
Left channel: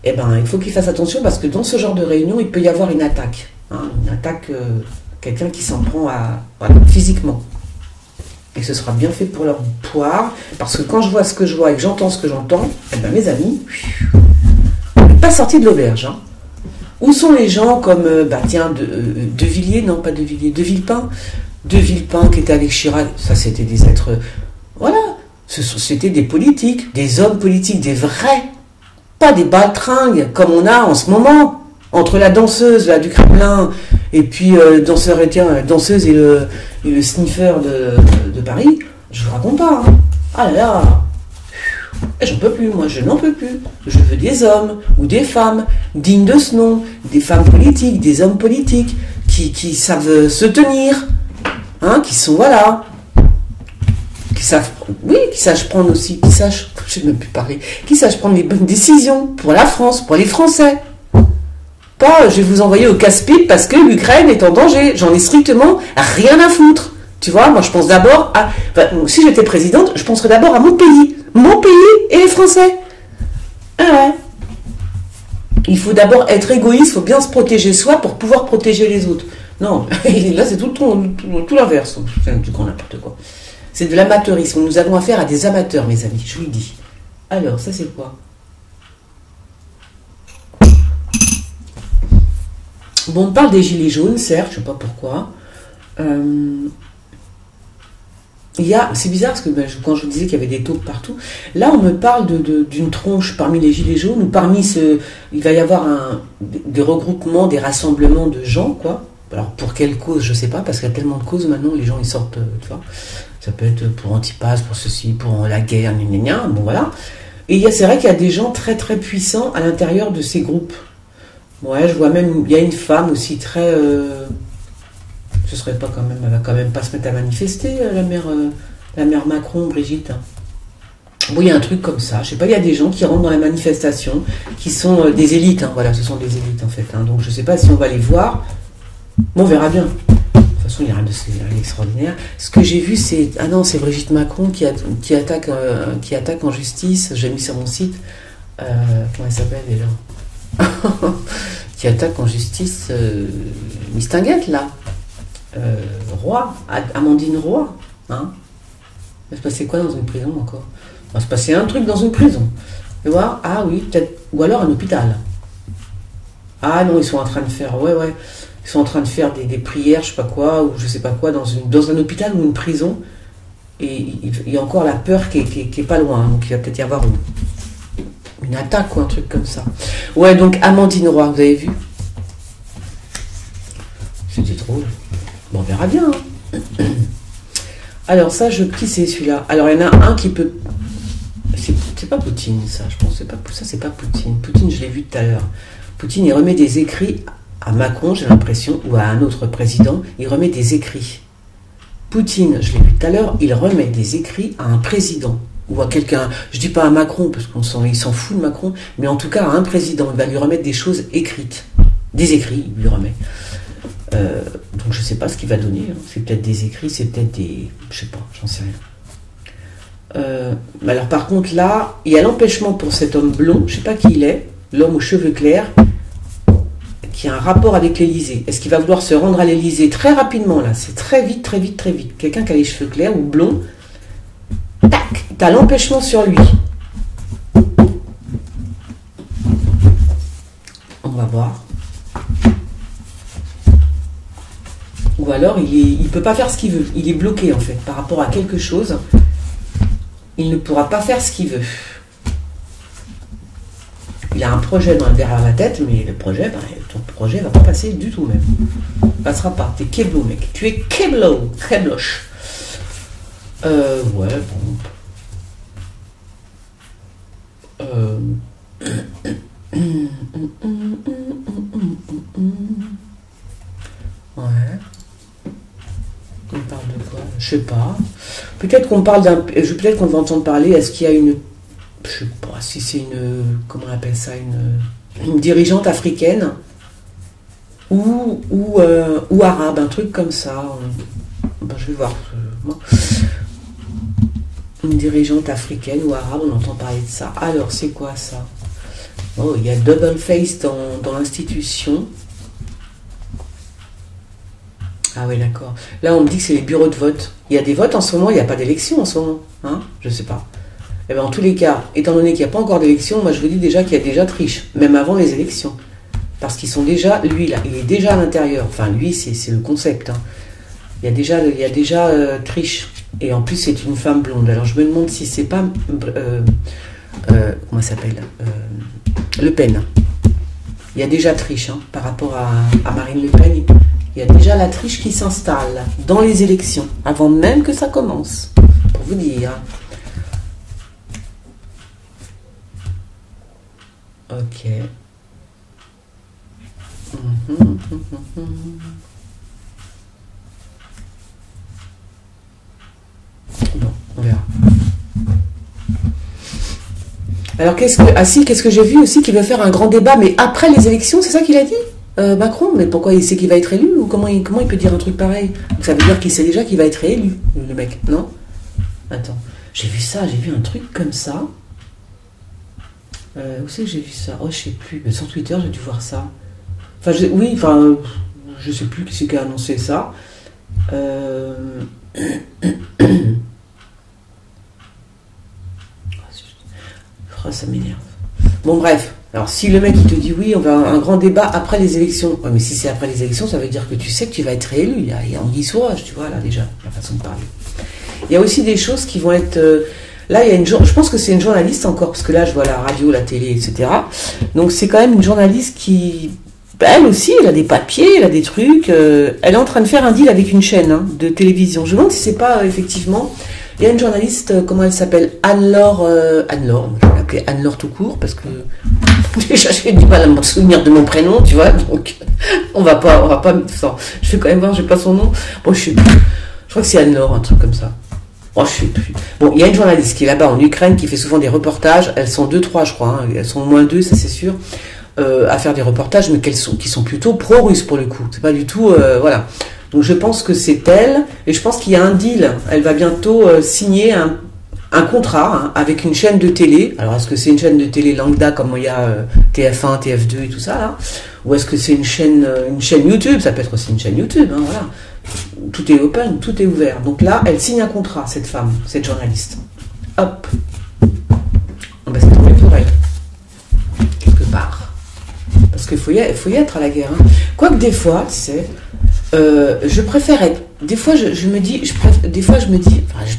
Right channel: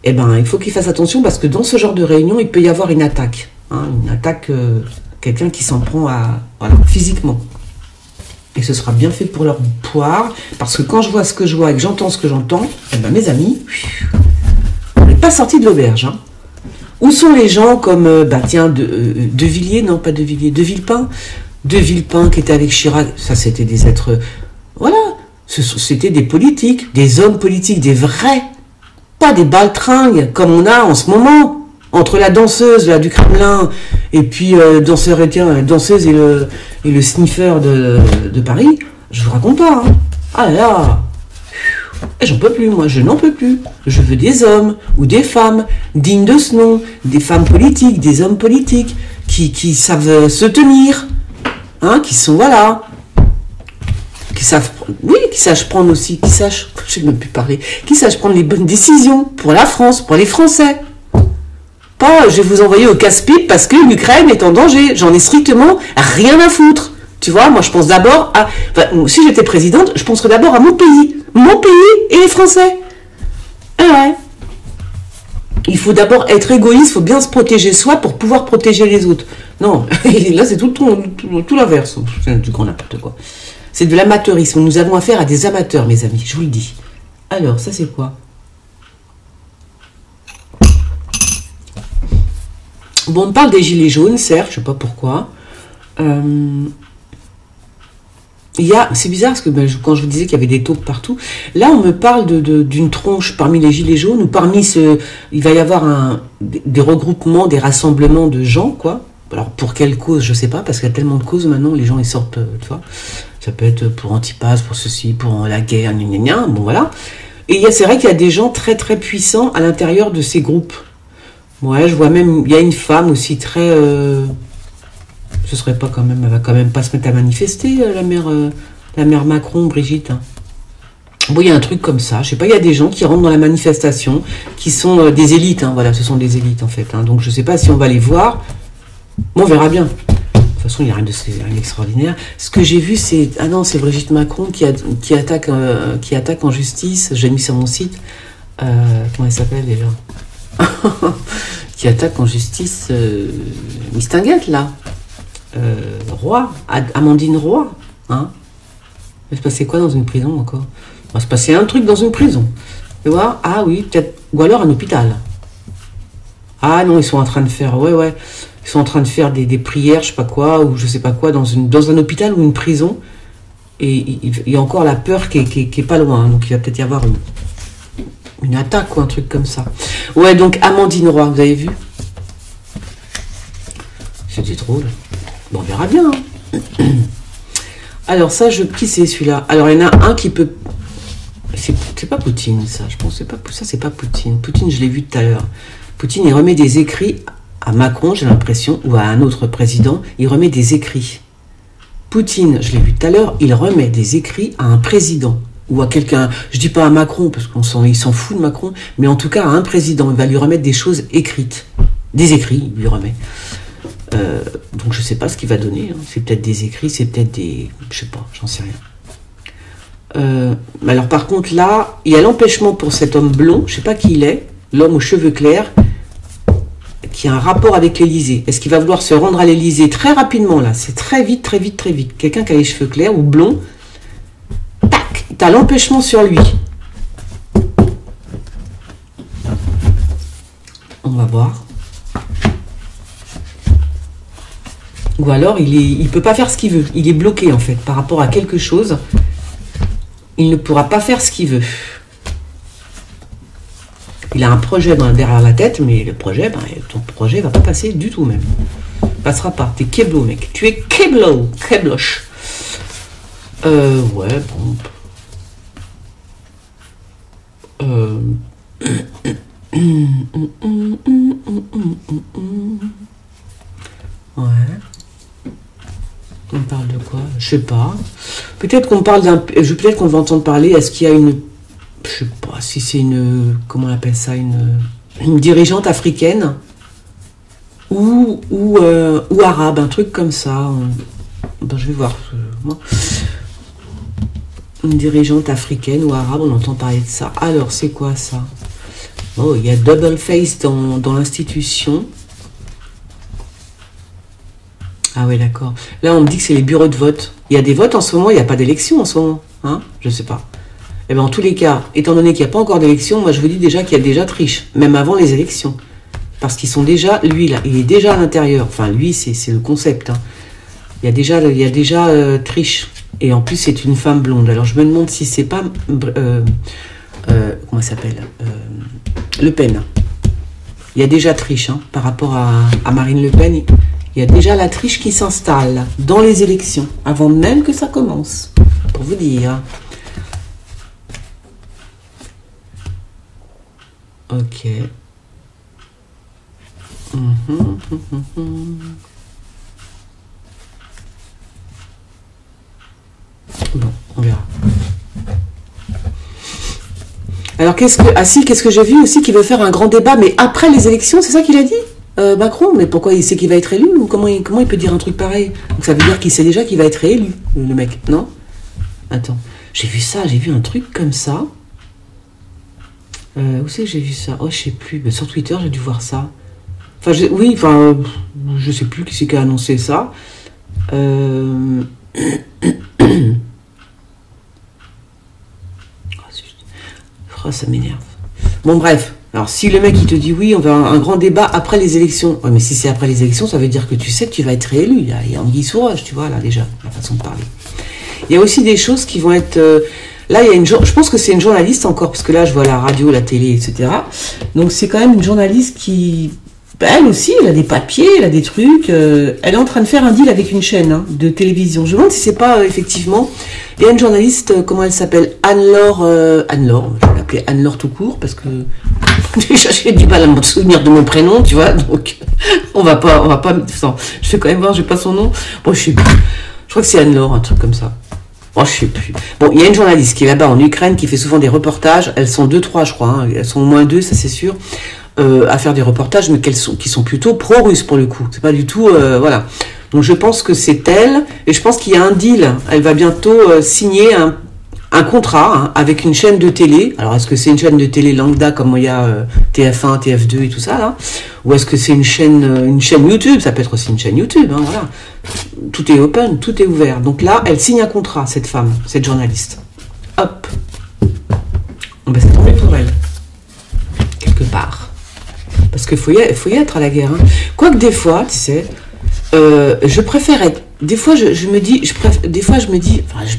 Eh ben, il faut qu'ils fassent attention parce que dans ce genre de réunion, il peut y avoir une attaque. Hein, une attaque, quelqu'un qui s'en prend voilà, physiquement. Et ce sera bien fait pour leur poire, parce que quand je vois ce que je vois et que j'entends ce que j'entends, eh ben, mes amis, on n'est pas sortis de l'auberge. Hein. Où sont les gens comme, tiens, De Villiers, non pas De Villiers, De Villepin. De Villepin qui était avec Chirac, ça c'était des êtres, voilà, c'était des politiques, des hommes politiques, des vrais. Pas des baltringues comme on a en ce moment, entre la danseuse là, du Kremlin et puis danseuse et le sniffer de Paris. Je vous raconte pas. Hein. Ah là là, j'en peux plus, moi, je n'en peux plus. Je veux des hommes ou des femmes dignes de ce nom, des femmes politiques, des hommes politiques qui savent se tenir, hein, qui sont voilà. Qui sachent prendre aussi, je ne sais même plus parler, qui sachent prendre les bonnes décisions pour la France, pour les Français. Pas, je vais vous envoyer au casse-pipe parce que l'Ukraine est en danger. J'en ai strictement rien à foutre. Tu vois, moi je pense d'abord à, si j'étais présidente, je penserais d'abord à mon pays et les Français. Ah ouais. Il faut d'abord être égoïste, il faut bien se protéger soi pour pouvoir protéger les autres. Non, là c'est tout l'inverse, c'est du grand n'importe quoi. C'est de l'amateurisme. Nous avons affaire à des amateurs, mes amis, je vous le dis. Alors, ça c'est quoi? Bon, on parle des gilets jaunes, certes, je ne sais pas pourquoi. C'est bizarre, parce que quand je vous disais qu'il y avait des taupes partout, là on me parle d'une tronche parmi les gilets jaunes, ou il va y avoir des regroupements, des rassemblements de gens, quoi. Alors, pour quelle cause, je ne sais pas, parce qu'il y a tellement de causes maintenant, les gens ils sortent, tu vois. Ça peut être pour Antipas, pour ceci, pour la guerre, bon voilà. Et c'est vrai qu'il y a des gens très très puissants à l'intérieur de ces groupes. Ouais, je vois même, il y a une femme aussi très... ce serait pas quand même, elle va quand même pas se mettre à manifester, la mère Macron, Brigitte. Hein. Bon, il y a un truc comme ça, je sais pas, il y a des gens qui rentrent dans la manifestation, qui sont des élites, hein, voilà, ce sont des élites en fait. Hein, donc je sais pas si on va les voir, bon, on verra bien. De toute façon, il n'y a rien d'extraordinaire. Ce que j'ai vu, c'est... Ah non, c'est Brigitte Macron qui attaque en justice. J'ai mis sur mon site. Comment elle s'appelle déjà? Qui attaque en justice Mistinguette, là. Roy. Amandine Roy. Hein? Il va se passer quoi dans une prison encore? Il va se passer un truc dans une prison. Tu vois? Ah oui, peut-être. Ou alors un hôpital. Ah non, ils sont en train de faire... Ouais. Ils sont en train de faire des prières, je sais pas quoi, ou je sais pas quoi, dans un hôpital ou une prison. Et il y a encore la peur qui est pas loin. Hein, donc il va peut-être y avoir une attaque ou un truc comme ça. Ouais, donc Amandine Roy, vous avez vu? C'était drôle. Bon, on verra bien. Hein. Alors ça, qui c'est celui-là? Alors il y en a un qui peut... C'est pas Poutine, ça. Je pense que c'est pas Poutine. Poutine, je l'ai vu tout à l'heure. Poutine, il remet des écrits... À Macron, j'ai l'impression, ou à un autre président, il remet des écrits. Poutine, je l'ai vu tout à l'heure, il remet des écrits à un président. ou à quelqu'un, je dis pas à Macron, parce il s'en fout de Macron, mais en tout cas à un président, il va lui remettre des choses écrites. Des écrits, il lui remet. Donc je sais pas ce qu'il va donner, hein. C'est peut-être des écrits, c'est peut-être des... Je sais pas, j'en sais rien. Alors par contre là, il y a l'empêchement pour cet homme blond, je sais pas qui il est, l'homme aux cheveux clairs, qui a un rapport avec l'Élysée. Est-ce qu'il va vouloir se rendre à l'Élysée très rapidement là? C'est très vite, très vite, très vite. Quelqu'un qui a les cheveux clairs ou blonds, tac, t'as l'empêchement sur lui. On va voir. Ou alors il peut pas faire ce qu'il veut. Il est bloqué en fait par rapport à quelque chose. Il ne pourra pas faire ce qu'il veut. Il a un projet derrière la tête, mais le projet, ton projet va pas passer du tout même. Il passera pas. T'es keblo, mec. Tu es keblo, kebloche. Ouais, bon. Ouais. On parle de quoi? Je sais pas. Peut-être qu'on parle peut-être qu'on va entendre parler. Est-ce qu'il y a une... Je sais pas si c'est une... Comment on appelle ça? Une dirigeante africaine ou arabe, un truc comme ça. Ben, je vais voir. Moi. Une dirigeante africaine ou arabe, on entend parler de ça. Alors, c'est quoi ça? Oh, il y a double face dans l'institution. Ah oui, d'accord. Là, on me dit que c'est les bureaux de vote. Il y a des votes en ce moment, il n'y a pas d'élection en ce moment. Hein? Je sais pas. Eh bien, en tous les cas, étant donné qu'il n'y a pas encore d'élection, moi, je vous dis déjà qu'il y a déjà triche, même avant les élections. Parce qu'ils sont déjà, lui, là, il est déjà à l'intérieur. Enfin, lui, c'est le concept. Hein. Il y a déjà triche. Et en plus, c'est une femme blonde. Alors, je me demande si c'est pas... comment ça s'appelle Le Pen. Il y a déjà triche hein, par rapport à Marine Le Pen. Il y a déjà la triche qui s'installe dans les élections, avant même que ça commence, pour vous dire. Ok. Bon, on verra. Alors, qu'est-ce que j'ai vu aussi qu'il veut faire un grand débat, mais après les élections, c'est ça qu'il a dit Macron, mais pourquoi il sait qu'il va être élu ou comment il peut dire un truc pareil? Donc ça veut dire qu'il sait déjà qu'il va être élu, le mec, non? Attends, j'ai vu un truc comme ça. Où c'est que j'ai vu ça? Oh, je sais plus, mais sur Twitter, j'ai dû voir ça. Enfin, je sais plus qui c'est qui a annoncé ça. Oh, ça m'énerve. Bon, bref. Alors, si le mec, il te dit oui, on va avoir un grand débat après les élections. Ouais, mais si c'est après les élections, ça veut dire que tu sais que tu vas être réélu. Il y a anguille sous roche, tu vois, là, déjà, la façon de parler. Il y a aussi des choses qui vont être... là, il y a je pense que c'est une journaliste encore, parce que là, je vois la radio, la télé, etc. Donc, c'est quand même une journaliste qui... Elle aussi, elle a des papiers, elle a des trucs. Elle est en train de faire un deal avec une chaîne hein, de télévision. Je me demande si c'est pas, effectivement... Il y a une journaliste, comment elle s'appelle? Anne-Laure, je vais l'appeler Anne-Laure tout court, parce que déjà j'ai du mal à me souvenir de mon prénom, tu vois, donc on va pas, enfin, je vais quand même voir, j'ai pas son nom. Bon, je sais plus. Je crois que c'est Anne-Laure, un truc comme ça. Oh, je sais plus. Bon, il y a une journaliste qui est là-bas en Ukraine, qui fait souvent des reportages. Elles sont 2-3, je crois, hein. Elles sont au moins 2, ça c'est sûr, à faire des reportages, mais qui sont plutôt pro-russes pour le coup. C'est pas du tout, voilà. Donc je pense que c'est elle, et je pense qu'il y a un deal. Elle va bientôt signer un contrat hein, avec une chaîne de télé. Alors est-ce que c'est une chaîne de télé lambda comme il y a TF1, TF2 et tout ça là, ou est-ce que c'est une chaîne YouTube? Ça peut être aussi une chaîne YouTube, hein, voilà. Tout est open, tout est ouvert. Donc là, elle signe un contrat, cette femme, cette journaliste. Hop. On va s'attendre pour elle, quelque part. Parce qu'il faut y être à la guerre. Hein. Quoique des fois, tu sais... je préfère être... Des fois, je me dis... Enfin,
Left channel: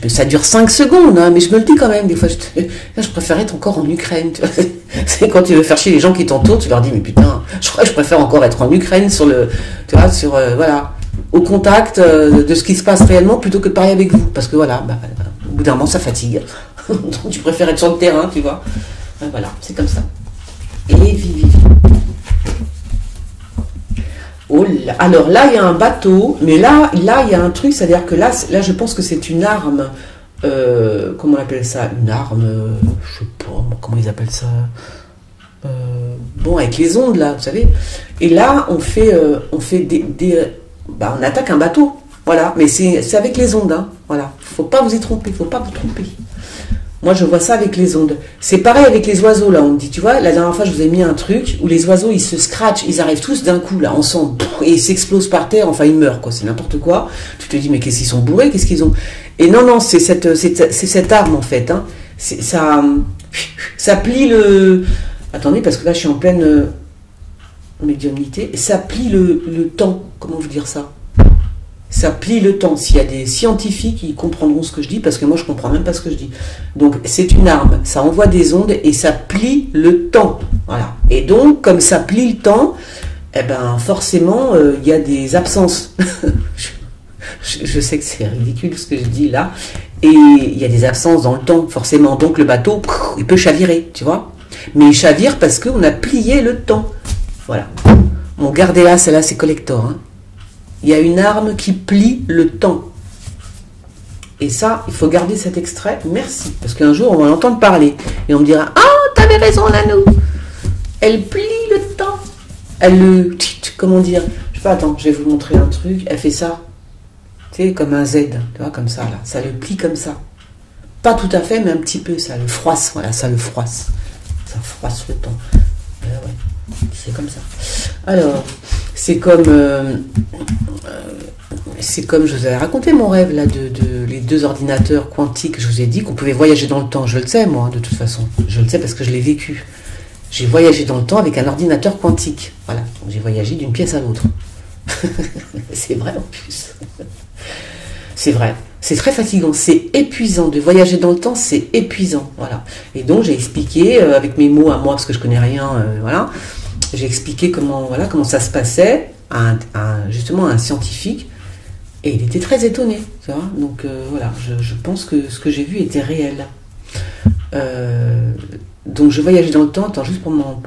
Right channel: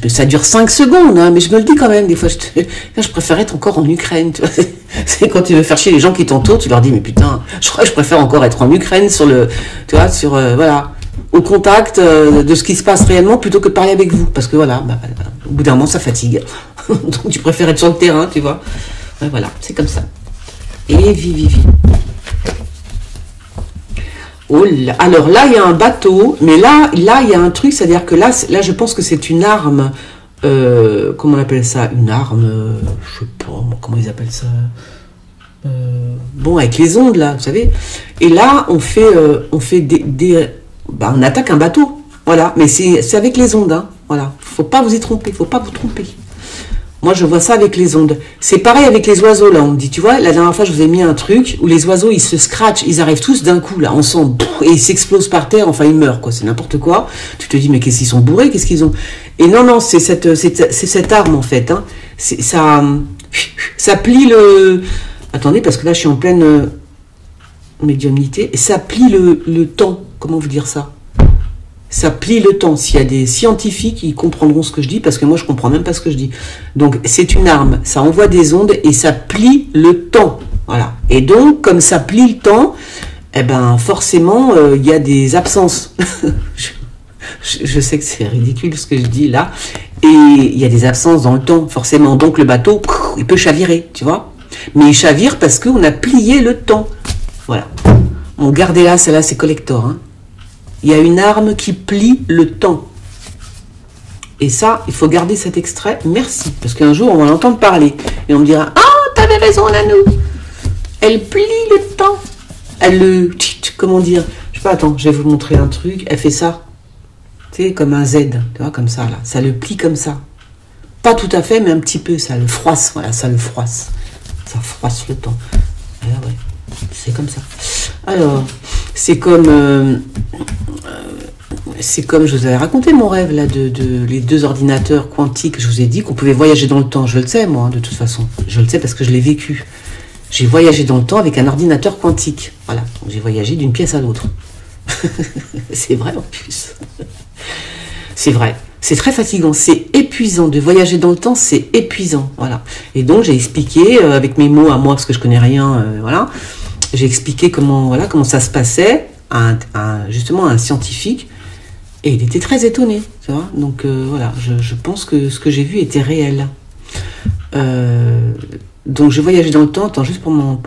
ça dure 5 secondes, hein, mais je me le dis quand même. Des fois, je préfère être encore en Ukraine. Tu vois, c'est quand tu veux faire chier les gens qui t'entourent, tu leur dis, mais putain, je crois que je préfère encore être en Ukraine tu vois, voilà, au contact de ce qui se passe réellement plutôt que de parler avec vous. Parce que voilà, au bout d'un moment, ça fatigue. Donc, tu préfères être sur le terrain, tu vois. Voilà, c'est comme ça. Et vive. Oh là. Alors là, il y a un bateau, mais là, il y a un truc, c'est-à-dire que là, je pense que c'est une arme comment on appelle ça, une arme, je sais pas, comment ils appellent ça, bon, avec les ondes là, vous savez. Et là, on fait on attaque un bateau, voilà, mais c'est avec les ondes, hein, voilà. Faut pas vous y tromper, faut pas vous tromper. Moi, je vois ça avec les ondes. C'est pareil avec les oiseaux, là, on me dit, tu vois, la dernière fois, je vous ai mis un truc où les oiseaux, ils se scratchent, ils arrivent tous d'un coup, là, ensemble, et ils s'explosent par terre, enfin, ils meurent, quoi, c'est n'importe quoi. Tu te dis, mais qu'est-ce qu'ils sont bourrés, qu'est-ce qu'ils ont? Et non, c'est cette arme, en fait, hein. Ça plie le... Attendez, parce que là, je suis en pleine médiumnité. Ça plie le temps, comment vous dire ça? Ça plie le temps. S'il y a des scientifiques, ils comprendront ce que je dis, parce que moi, je comprends même pas ce que je dis. Donc, c'est une arme. Ça envoie des ondes et ça plie le temps. Voilà. Et donc, comme ça plie le temps, eh ben, forcément, il y a des absences. Je sais que c'est ridicule ce que je dis là. Et il y a des absences dans le temps, forcément. Donc, le bateau, il peut chavirer, tu vois. Mais il chavire parce qu'on a plié le temps. Voilà. Bon, gardez-la, celle-là, c'est collector, hein. Il y a une arme qui plie le temps. Et ça, il faut garder cet extrait. Merci. Parce qu'un jour, on va l'entendre parler. Et on me dira, ah, t'avais raison, Nanou. Elle plie le temps. Elle le... Comment dire? Je sais pas, attends, je vais vous montrer un truc. Elle fait ça. Tu sais, comme un Z. Tu vois, comme ça, là. Ça le plie comme ça. Pas tout à fait, mais un petit peu. Ça le froisse. Voilà, ça le froisse. Ça froisse le temps. Voilà, ouais. C'est comme ça. Alors, c'est comme je vous avais raconté mon rêve là de les deux ordinateurs quantiques. Je vous ai dit qu'on pouvait voyager dans le temps. Je le sais moi, hein, de toute façon. Je le sais parce que je l'ai vécu. J'ai voyagé dans le temps avec un ordinateur quantique. Voilà. Donc, j'ai voyagé d'une pièce à l'autre. C'est vrai en plus. C'est vrai. C'est très fatigant, c'est épuisant. De voyager dans le temps, c'est épuisant. Voilà. Et donc, j'ai expliqué, avec mes mots à moi, parce que je connais rien, voilà. J'ai expliqué comment ça se passait justement à un scientifique. Et il était très étonné, tu vois. Donc, voilà, je pense que ce que j'ai vu était réel. Donc, je voyageais dans le temps, attends, juste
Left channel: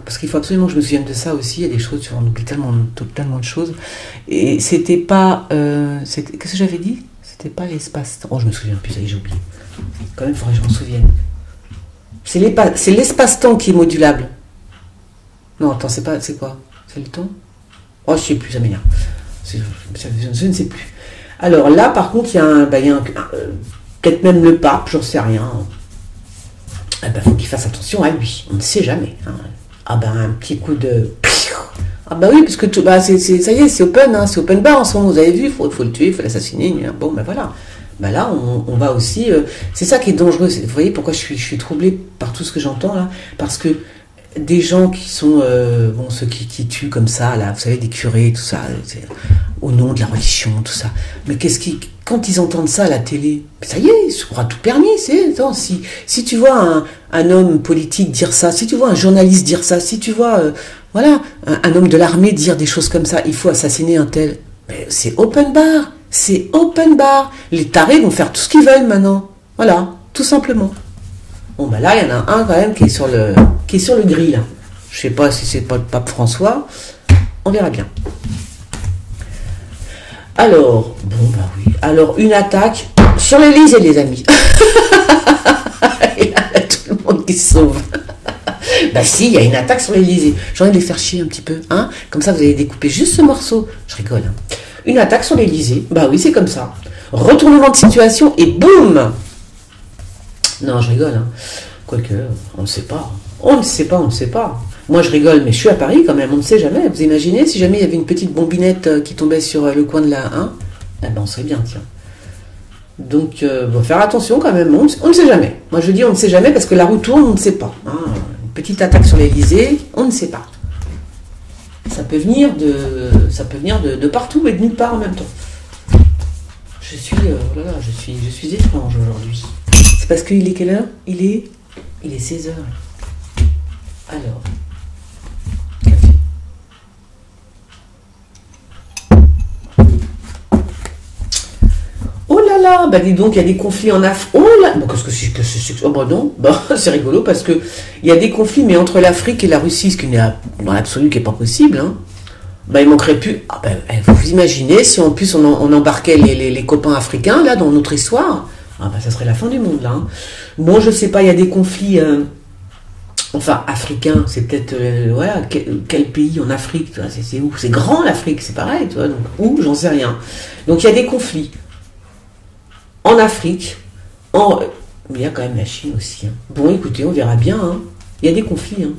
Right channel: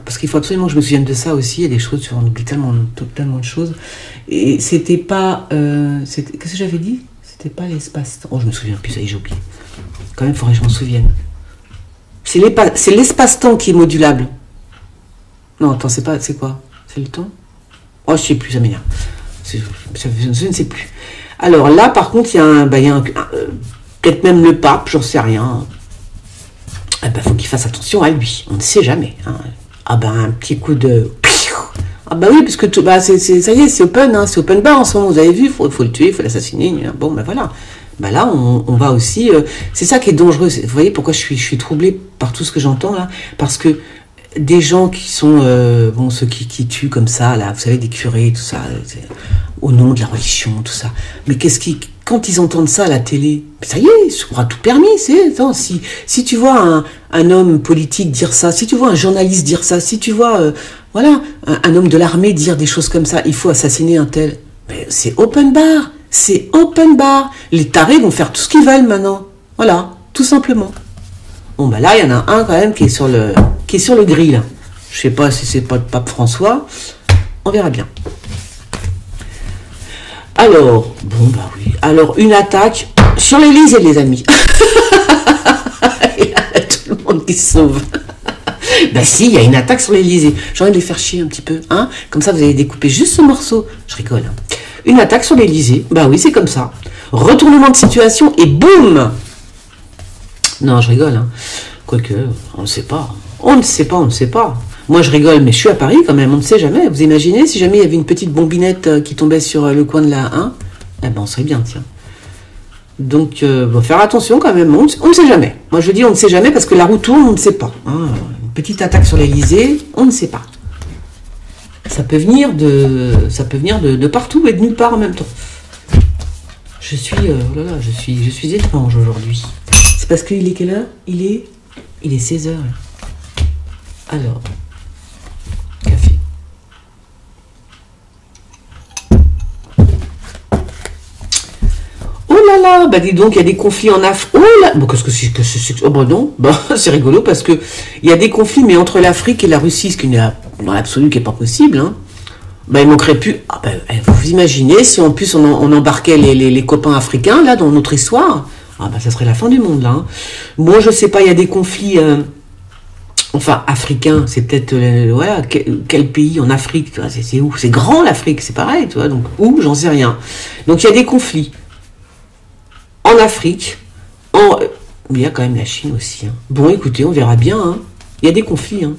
parce qu'il faut absolument que je me souvienne de ça aussi. Il y a des choses, on oublie tellement de choses. Et c'était pas... qu'est-ce que j'avais dit? C'était pas l'espace-temps. Oh, je me souviens plus, ça y est, j'ai oublié. Quand même, il faudrait que je m'en souvienne. C'est l'espace-temps qui est modulable. Non, attends, c'est quoi? C'est le temps? Oh, je sais plus, ça m'énerve. Je ne sais plus. Alors là, par contre, il y a peut-être même le pape, j'en sais rien. Eh ben, faut qu'il fasse attention à lui. On ne sait jamais. Hein. Ah ben, un petit coup de... Ah bah oui, parce que ça y est, c'est open, hein, c'est open bar en ce moment, vous avez vu, faut le tuer, il faut l'assassiner, bon ben voilà. Ben là, on va aussi... c'est ça qui est dangereux, vous voyez pourquoi je suis troublée par tout ce que j'entends là, parce que des gens qui sont, ceux qui tuent comme ça, là, vous savez, des curés, tout ça, au nom de la religion, tout ça, mais quand ils entendent ça à la télé, ça y est, on aura tout permis, si tu vois un homme politique dire ça, si tu vois un journaliste dire ça, si tu vois... voilà, un homme de l'armée dire des choses comme ça, il faut assassiner un tel. Mais c'est open bar, c'est open bar. Les tarés vont faire tout ce qu'ils veulent maintenant. Voilà, tout simplement. Bon, bah là, il y en a un quand même qui est sur le grill. Je sais pas si c'est pas le pape François. On verra bien. Alors, bon, bah oui. Alors, une attaque sur l'Élysée, les amis. Et là, tout le monde qui se sauve. Bah si, il y a une attaque sur l'Élysée. J'ai envie de les faire chier un petit peu, hein. Comme ça, vous allez découper juste ce morceau. Je rigole, hein. Une attaque sur l'Élysée. Bah oui, c'est comme ça. Retournement de situation et boum. Non, je rigole, hein. Quoique, on ne sait pas. On ne sait pas. Moi, je rigole, mais je suis à Paris quand même. On ne sait jamais. Vous imaginez si jamais il y avait une petite bombinette qui tombait sur le coin de la 1 ? Eh ben, on serait bien, tiens. Donc, faire attention quand même. On ne sait jamais. Moi, je dis on ne sait jamais parce que la roue tourne, on ne sait pas. Hein. Petite attaque sur l'Élysée, on ne sait pas. Ça peut venir de partout et de nulle part en même temps. Je suis étrange aujourd'hui. C'est parce qu'il est quelle heure? Il est 16h. Alors, café. Oh là là, bah dis donc, il y a des conflits en Afrique. Oh là, bon, qu'est-ce que c'est? Oh bah non, bah, c'est rigolo parce que il y a des conflits, mais entre l'Afrique et la Russie, ce qui n'est dans l'absolu qui n'est pas possible. Hein. Bah, il manquerait plus. Ah bah, vous imaginez si en plus on embarquait les copains africains là dans notre histoire. Ah bah ça serait la fin du monde là. Hein. Bon, je sais pas, il y a des conflits, enfin africains, c'est peut-être, voilà, quel pays en Afrique, c'est où? C'est grand l'Afrique, c'est pareil, tu vois, donc où? J'en sais rien. Donc il y a des conflits en Afrique, mais il y a quand même la Chine aussi. Hein. Bon, écoutez, on verra bien. Hein. Il y a des conflits. Hein.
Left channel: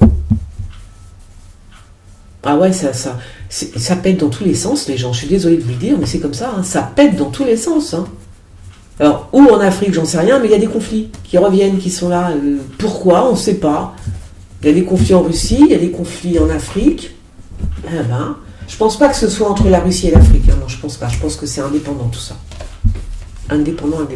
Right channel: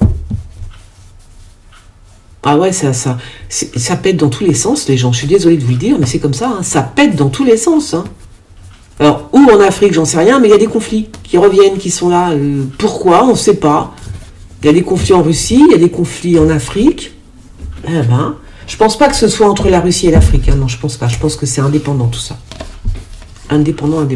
Ah ouais, ça pète dans tous les sens, les gens. Je suis désolée de vous le dire, mais c'est comme ça. Hein. Ça pète dans tous les sens. Hein. Alors, où en Afrique, j'en sais rien, mais il y a des conflits qui reviennent, qui sont là. Pourquoi? On ne sait pas. Il y a des conflits en Russie, il y a des conflits en Afrique. Eh ben, je pense pas que ce soit entre la Russie et l'Afrique. Hein. Non, je pense pas. Je pense que c'est indépendant tout ça. Indépendant.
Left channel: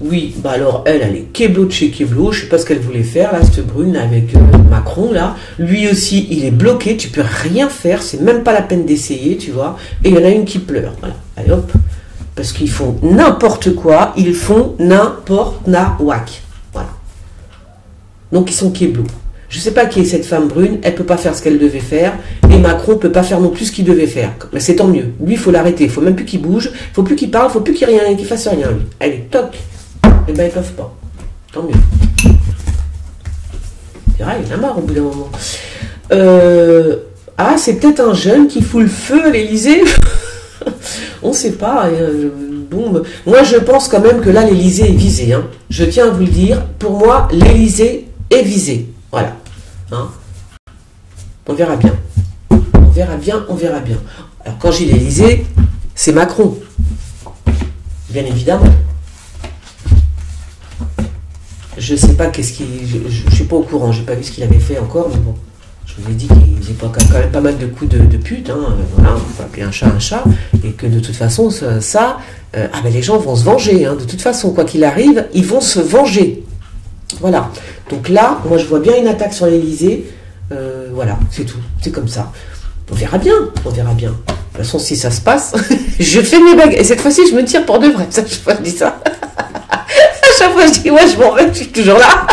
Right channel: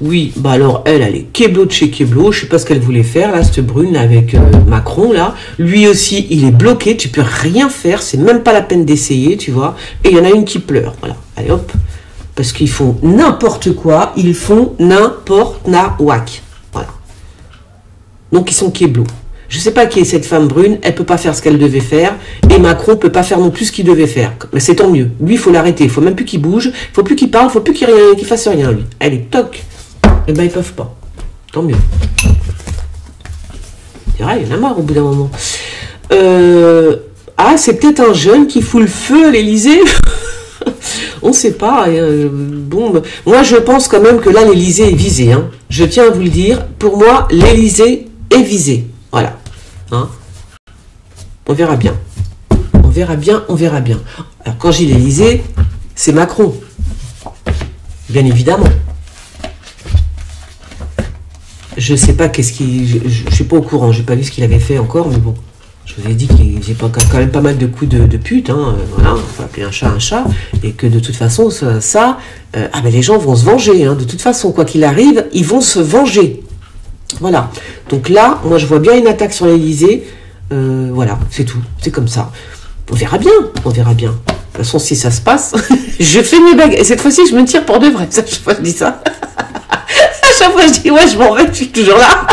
Oui, bah alors elle est Keblo de chez Keblo, je sais pas ce qu'elle voulait faire, là, cette brune, là, avec Macron, là. Lui aussi, il est bloqué, tu peux rien faire, c'est même pas la peine d'essayer, tu vois. Et il y en a une qui pleure, voilà. Allez hop. Parce qu'ils font n'importe quoi, ils font n'importe nawak. Voilà. Donc ils sont Keblo. Je sais pas qui est cette femme brune, elle peut pas faire ce qu'elle devait faire, et Macron peut pas faire non plus ce qu'il devait faire. Mais c'est tant mieux. Lui, il faut l'arrêter, il faut même plus qu'il bouge, il faut plus qu'il parle, il faut plus qu'il fasse rien, lui. Allez, toc. Eh ben, ils peuvent pas. Tant mieux. C'est vrai, il y en a marre au bout d'un moment. Ah, c'est peut-être un jeune qui fout le feu à l'Élysée. On ne sait pas. Bon, moi, je pense quand même que là, l'Élysée est visée. Hein. Je tiens à vous le dire. Pour moi, l'Élysée est visée. Voilà. Hein. On verra bien. On verra bien. Alors, quand j'ai l'Élysée, c'est Macron. Bien évidemment. Je sais pas qu'est-ce qu'il... Je suis pas au courant, j'ai pas vu ce qu'il avait fait encore, mais bon. Je vous ai dit qu'il faisait quand même pas mal de coups de pute, hein, voilà, on va appeler un chat, et que de toute façon, les gens vont se venger, hein, de toute façon, quoi qu'il arrive, ils vont se venger. Voilà. Donc là, moi je vois bien une attaque sur l'Élysée, voilà, c'est tout, c'est comme ça. On verra bien. De toute façon, si ça se passe, je fais mes bagues, et cette fois-ci, je me tire pour de vrai, ça, je dis ça. Chaque fois je dis ouais je m'en vais, je suis toujours là.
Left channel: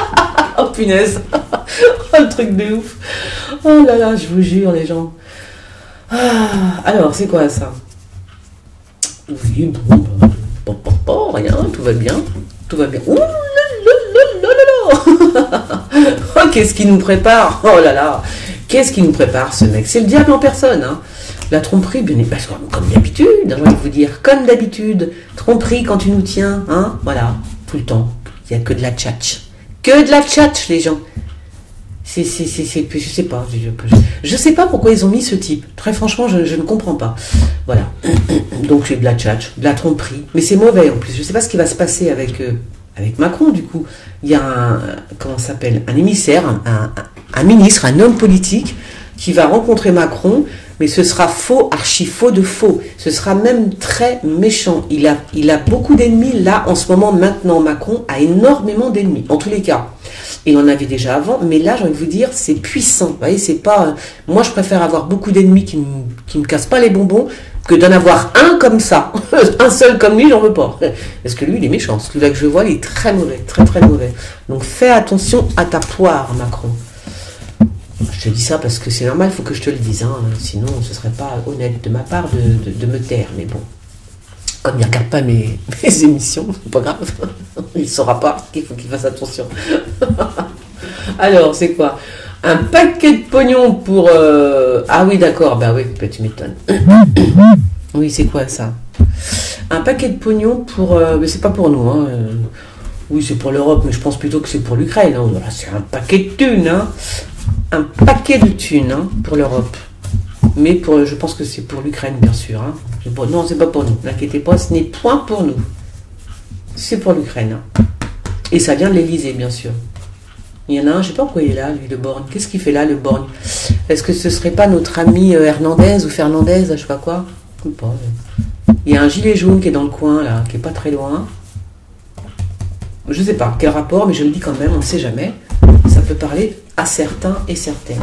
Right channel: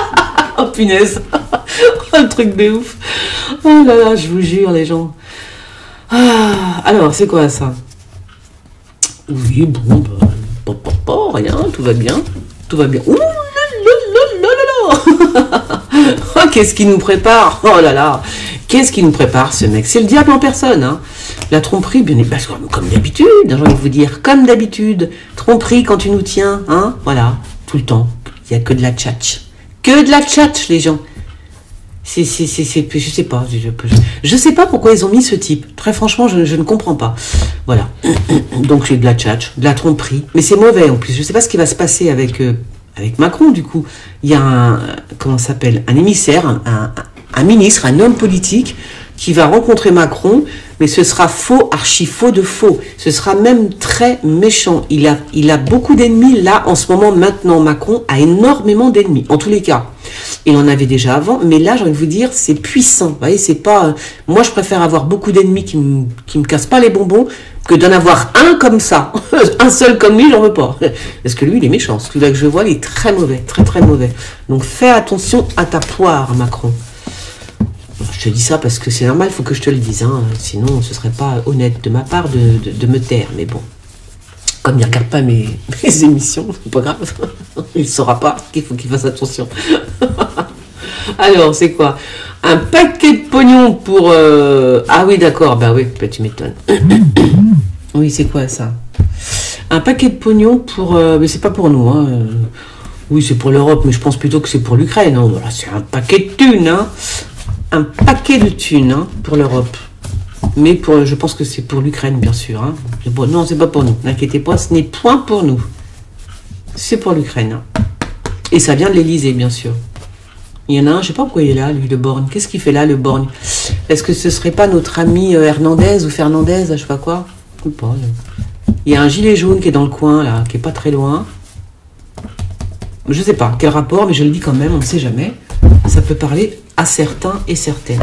Oh punaise. Oh le truc de ouf. Oh là là, je vous jure les gens. Alors c'est quoi ça? Oui bon pas rien, tout va bien. Ouh là là. Oh qu'est-ce qu'il nous prépare? Oh là là. Qu'est-ce qu'il nous prépare ce mec? C'est le diable en personne hein. La tromperie, bien évidemment, comme d'habitude, j'ai envie de vous dire, comme d'habitude, tromperie quand tu nous tiens, hein, voilà. Tout le temps. Il n'y a que de la tchatch. Que de la tchatch, les gens. Je sais pas. Je sais pas pourquoi ils ont mis ce type. Très franchement, je ne comprends pas. Voilà. Donc, c'est de la tchatch, de la tromperie. Mais c'est mauvais, en plus. Je sais pas ce qui va se passer avec Macron, du coup. Il y a comment ça s'appelle? Un émissaire, un ministre, un homme politique qui va rencontrer Macron, mais ce sera faux, archi faux de faux. Ce sera même très méchant. Il a beaucoup d'ennemis là, en ce moment, maintenant. Macron a énormément d'ennemis, en tous les cas. Il en avait déjà avant, mais là, j'ai envie de vous dire, c'est puissant. Vous voyez, c'est pas... moi, je préfère avoir beaucoup d'ennemis qui me cassent pas les bonbons que d'en avoir un comme ça. Un seul comme lui, j'en veux pas. Parce que lui, il est méchant. Celui-là que je vois, il est très mauvais, très très mauvais. Donc, fais attention à ta poire, Macron. Je te dis ça parce que c'est normal, il faut que je te le dise. Hein. Sinon, ce serait pas honnête de ma part de me taire. Mais bon, comme il ne regarde pas mes émissions, c'est pas grave. Il ne saura pas qu'il faut qu'il fasse attention. Alors, c'est quoi? Un paquet de pognon pour... Ah oui, d'accord. Bah oui, tu m'étonnes. Oui, c'est quoi ça? Un paquet de pognon pour... Mais c'est pas pour nous. Hein. Oui, c'est pour l'Europe, mais je pense plutôt que c'est pour l'Ukraine. Hein. Voilà, c'est un paquet de thunes. Hein. Un paquet de thunes hein, pour l'Europe. Mais je pense que c'est pour l'Ukraine, bien sûr. Hein. Bon, non, c'est pas pour nous. N'inquiétez pas, ce n'est point pour nous. C'est pour l'Ukraine. Hein. Et ça vient de l'Élysée, bien sûr. Il y en a un, je sais pas pourquoi il est là, lui, le Borgne. Qu'est-ce qu'il fait là, le Borgne? Est-ce que ce serait pas notre ami Hernandez ou Fernandez, je sais pas quoi? Je sais pas. Il y a un gilet jaune qui est dans le coin, là, qui est pas très loin. Je sais pas quel rapport, mais je le dis quand même, on ne sait jamais. Ça peut parler à certains et certaines.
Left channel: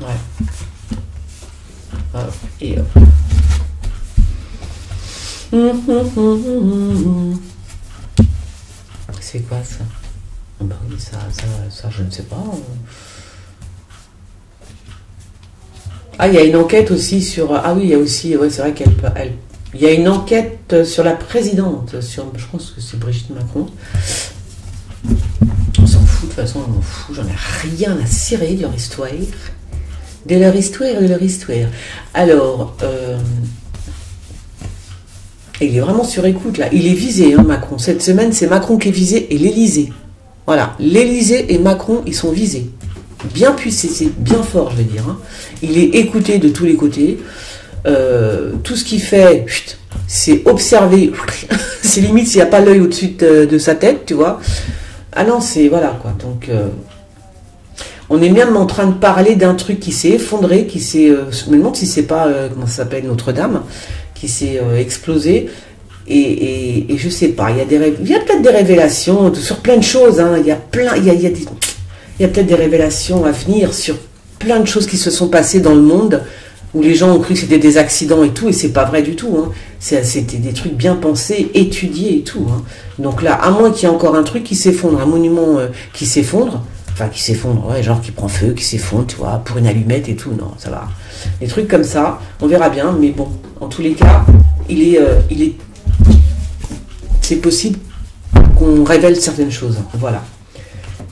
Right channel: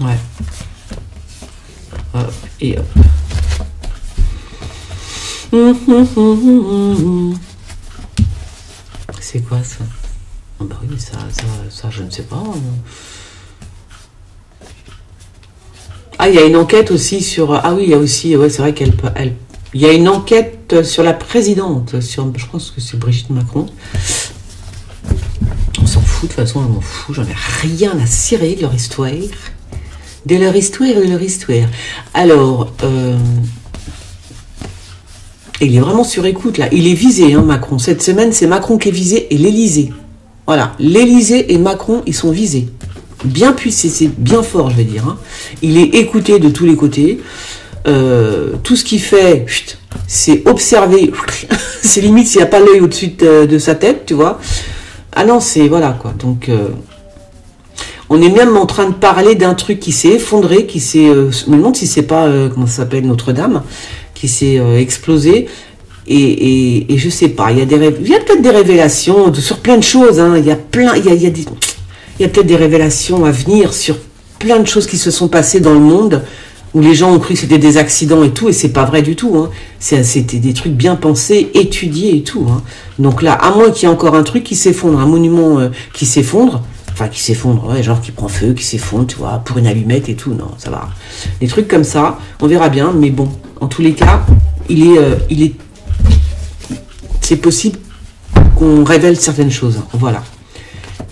Ouais. Hop, et hop. C'est quoi ça? Oh bah oui, ça, je ne sais pas. Ah, il y a une enquête aussi sur... Ah oui, il y a aussi... Ouais, c'est vrai qu'elle... Il y a une enquête sur la présidente. Je pense que c'est Brigitte Macron. On s'en fout, de toute façon, on m'en fout. J'en ai rien à cirer de leur histoire. De leur histoire, de leur histoire. Alors... il est vraiment sur écoute, là. Il est visé, hein, Macron. Cette semaine, c'est Macron qui est visé et l'Élysée. Voilà. L'Élysée et Macron, ils sont visés. Bien puissé, c'est bien fort, je vais dire. Hein. Il est écouté de tous les côtés. Tout ce qu'il fait, c'est observé. C'est limite s'il n'y a pas l'œil au-dessus de sa tête, tu vois. Ah non, c'est... Voilà, quoi. Donc... on est même en train de parler d'un truc qui s'est effondré, qui s'est... je me demande si c'est pas... comment ça s'appelle, Notre-Dame, qui s'est explosé. Et je sais pas, il y a peut-être des révélations sur plein de choses. Hein. Il y a plein... Il y a peut-être des révélations à venir sur plein de choses qui se sont passées dans le monde où les gens ont cru que c'était des accidents et tout, et c'est pas vrai du tout. Hein. C'était des trucs bien pensés, étudiés et tout. Hein. Donc là, à moins qu'il y ait encore un truc qui s'effondre, un monument qui s'effondre, enfin qui s'effondre, ouais, genre qui prend feu, qui s'effondre, tu vois, pour une allumette et tout, non, ça va. Des trucs comme ça, on verra bien, mais bon, en tous les cas, c'est possible qu'on révèle certaines choses, hein. Voilà.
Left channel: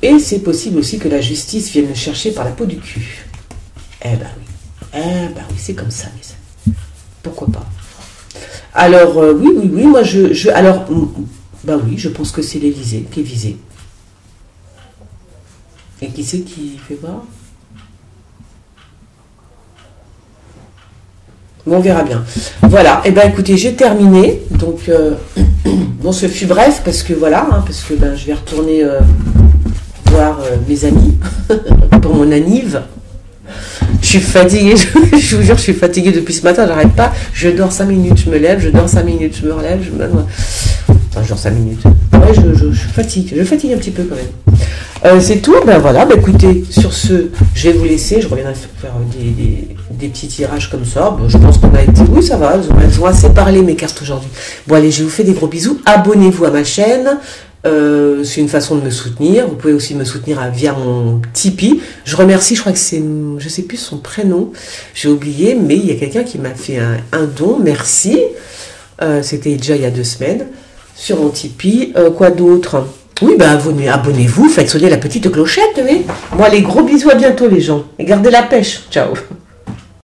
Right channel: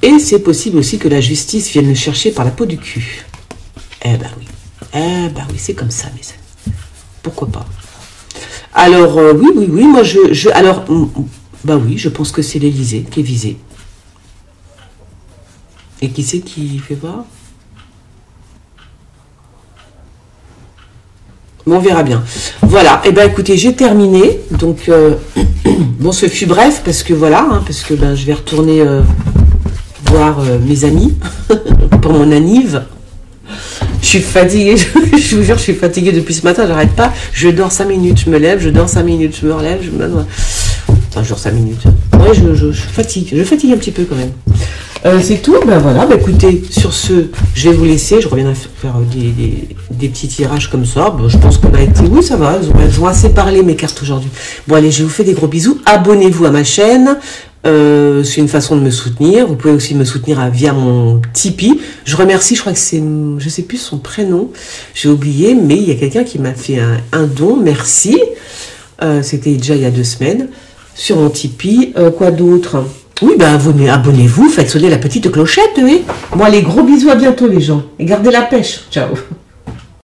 Et c'est possible aussi que la justice vienne le chercher par la peau du cul. Eh ben oui. Eh ben oui, c'est comme ça, mes amis. Pourquoi pas? Alors, oui, moi alors, bah oui, je pense que c'est l'Élysée qui est visé. Et qui c'est qui fait voir? Bon, on verra bien. Voilà, et ben écoutez, j'ai terminé. Donc, bon, ce fut bref, parce que voilà, hein, parce que ben, je vais retourner... voir mes amis pour mon anniv. Je suis fatiguée, je vous jure, je suis fatiguée depuis ce matin, j'arrête pas. Je dors 5 minutes, je me lève, je dors 5 minutes, je me relève, enfin, je dors 5 minutes. Ouais, je fatigue un petit peu quand même. C'est tout, ben voilà, ben écoutez, sur ce, je vais vous laisser, je reviendrai faire des petits tirages comme ça. Bon, je pense qu'on a été, oui, ça va, elles ont assez parlé mes cartes aujourd'hui. Bon, allez, je vous fais des gros bisous, abonnez-vous à ma chaîne. C'est une façon de me soutenir. Vous pouvez aussi me soutenir via mon Tipeee. Je remercie, je crois que c'est, je sais plus son prénom, j'ai oublié, mais il y a quelqu'un qui m'a fait un don, merci. C'était déjà il y a 2 semaines sur mon Tipeee. Quoi d'autre? Oui, ben abonnez-vous, faites sonner la petite clochette, oui. Bon, allez, gros bisous, à bientôt les gens. Et gardez la pêche. Ciao.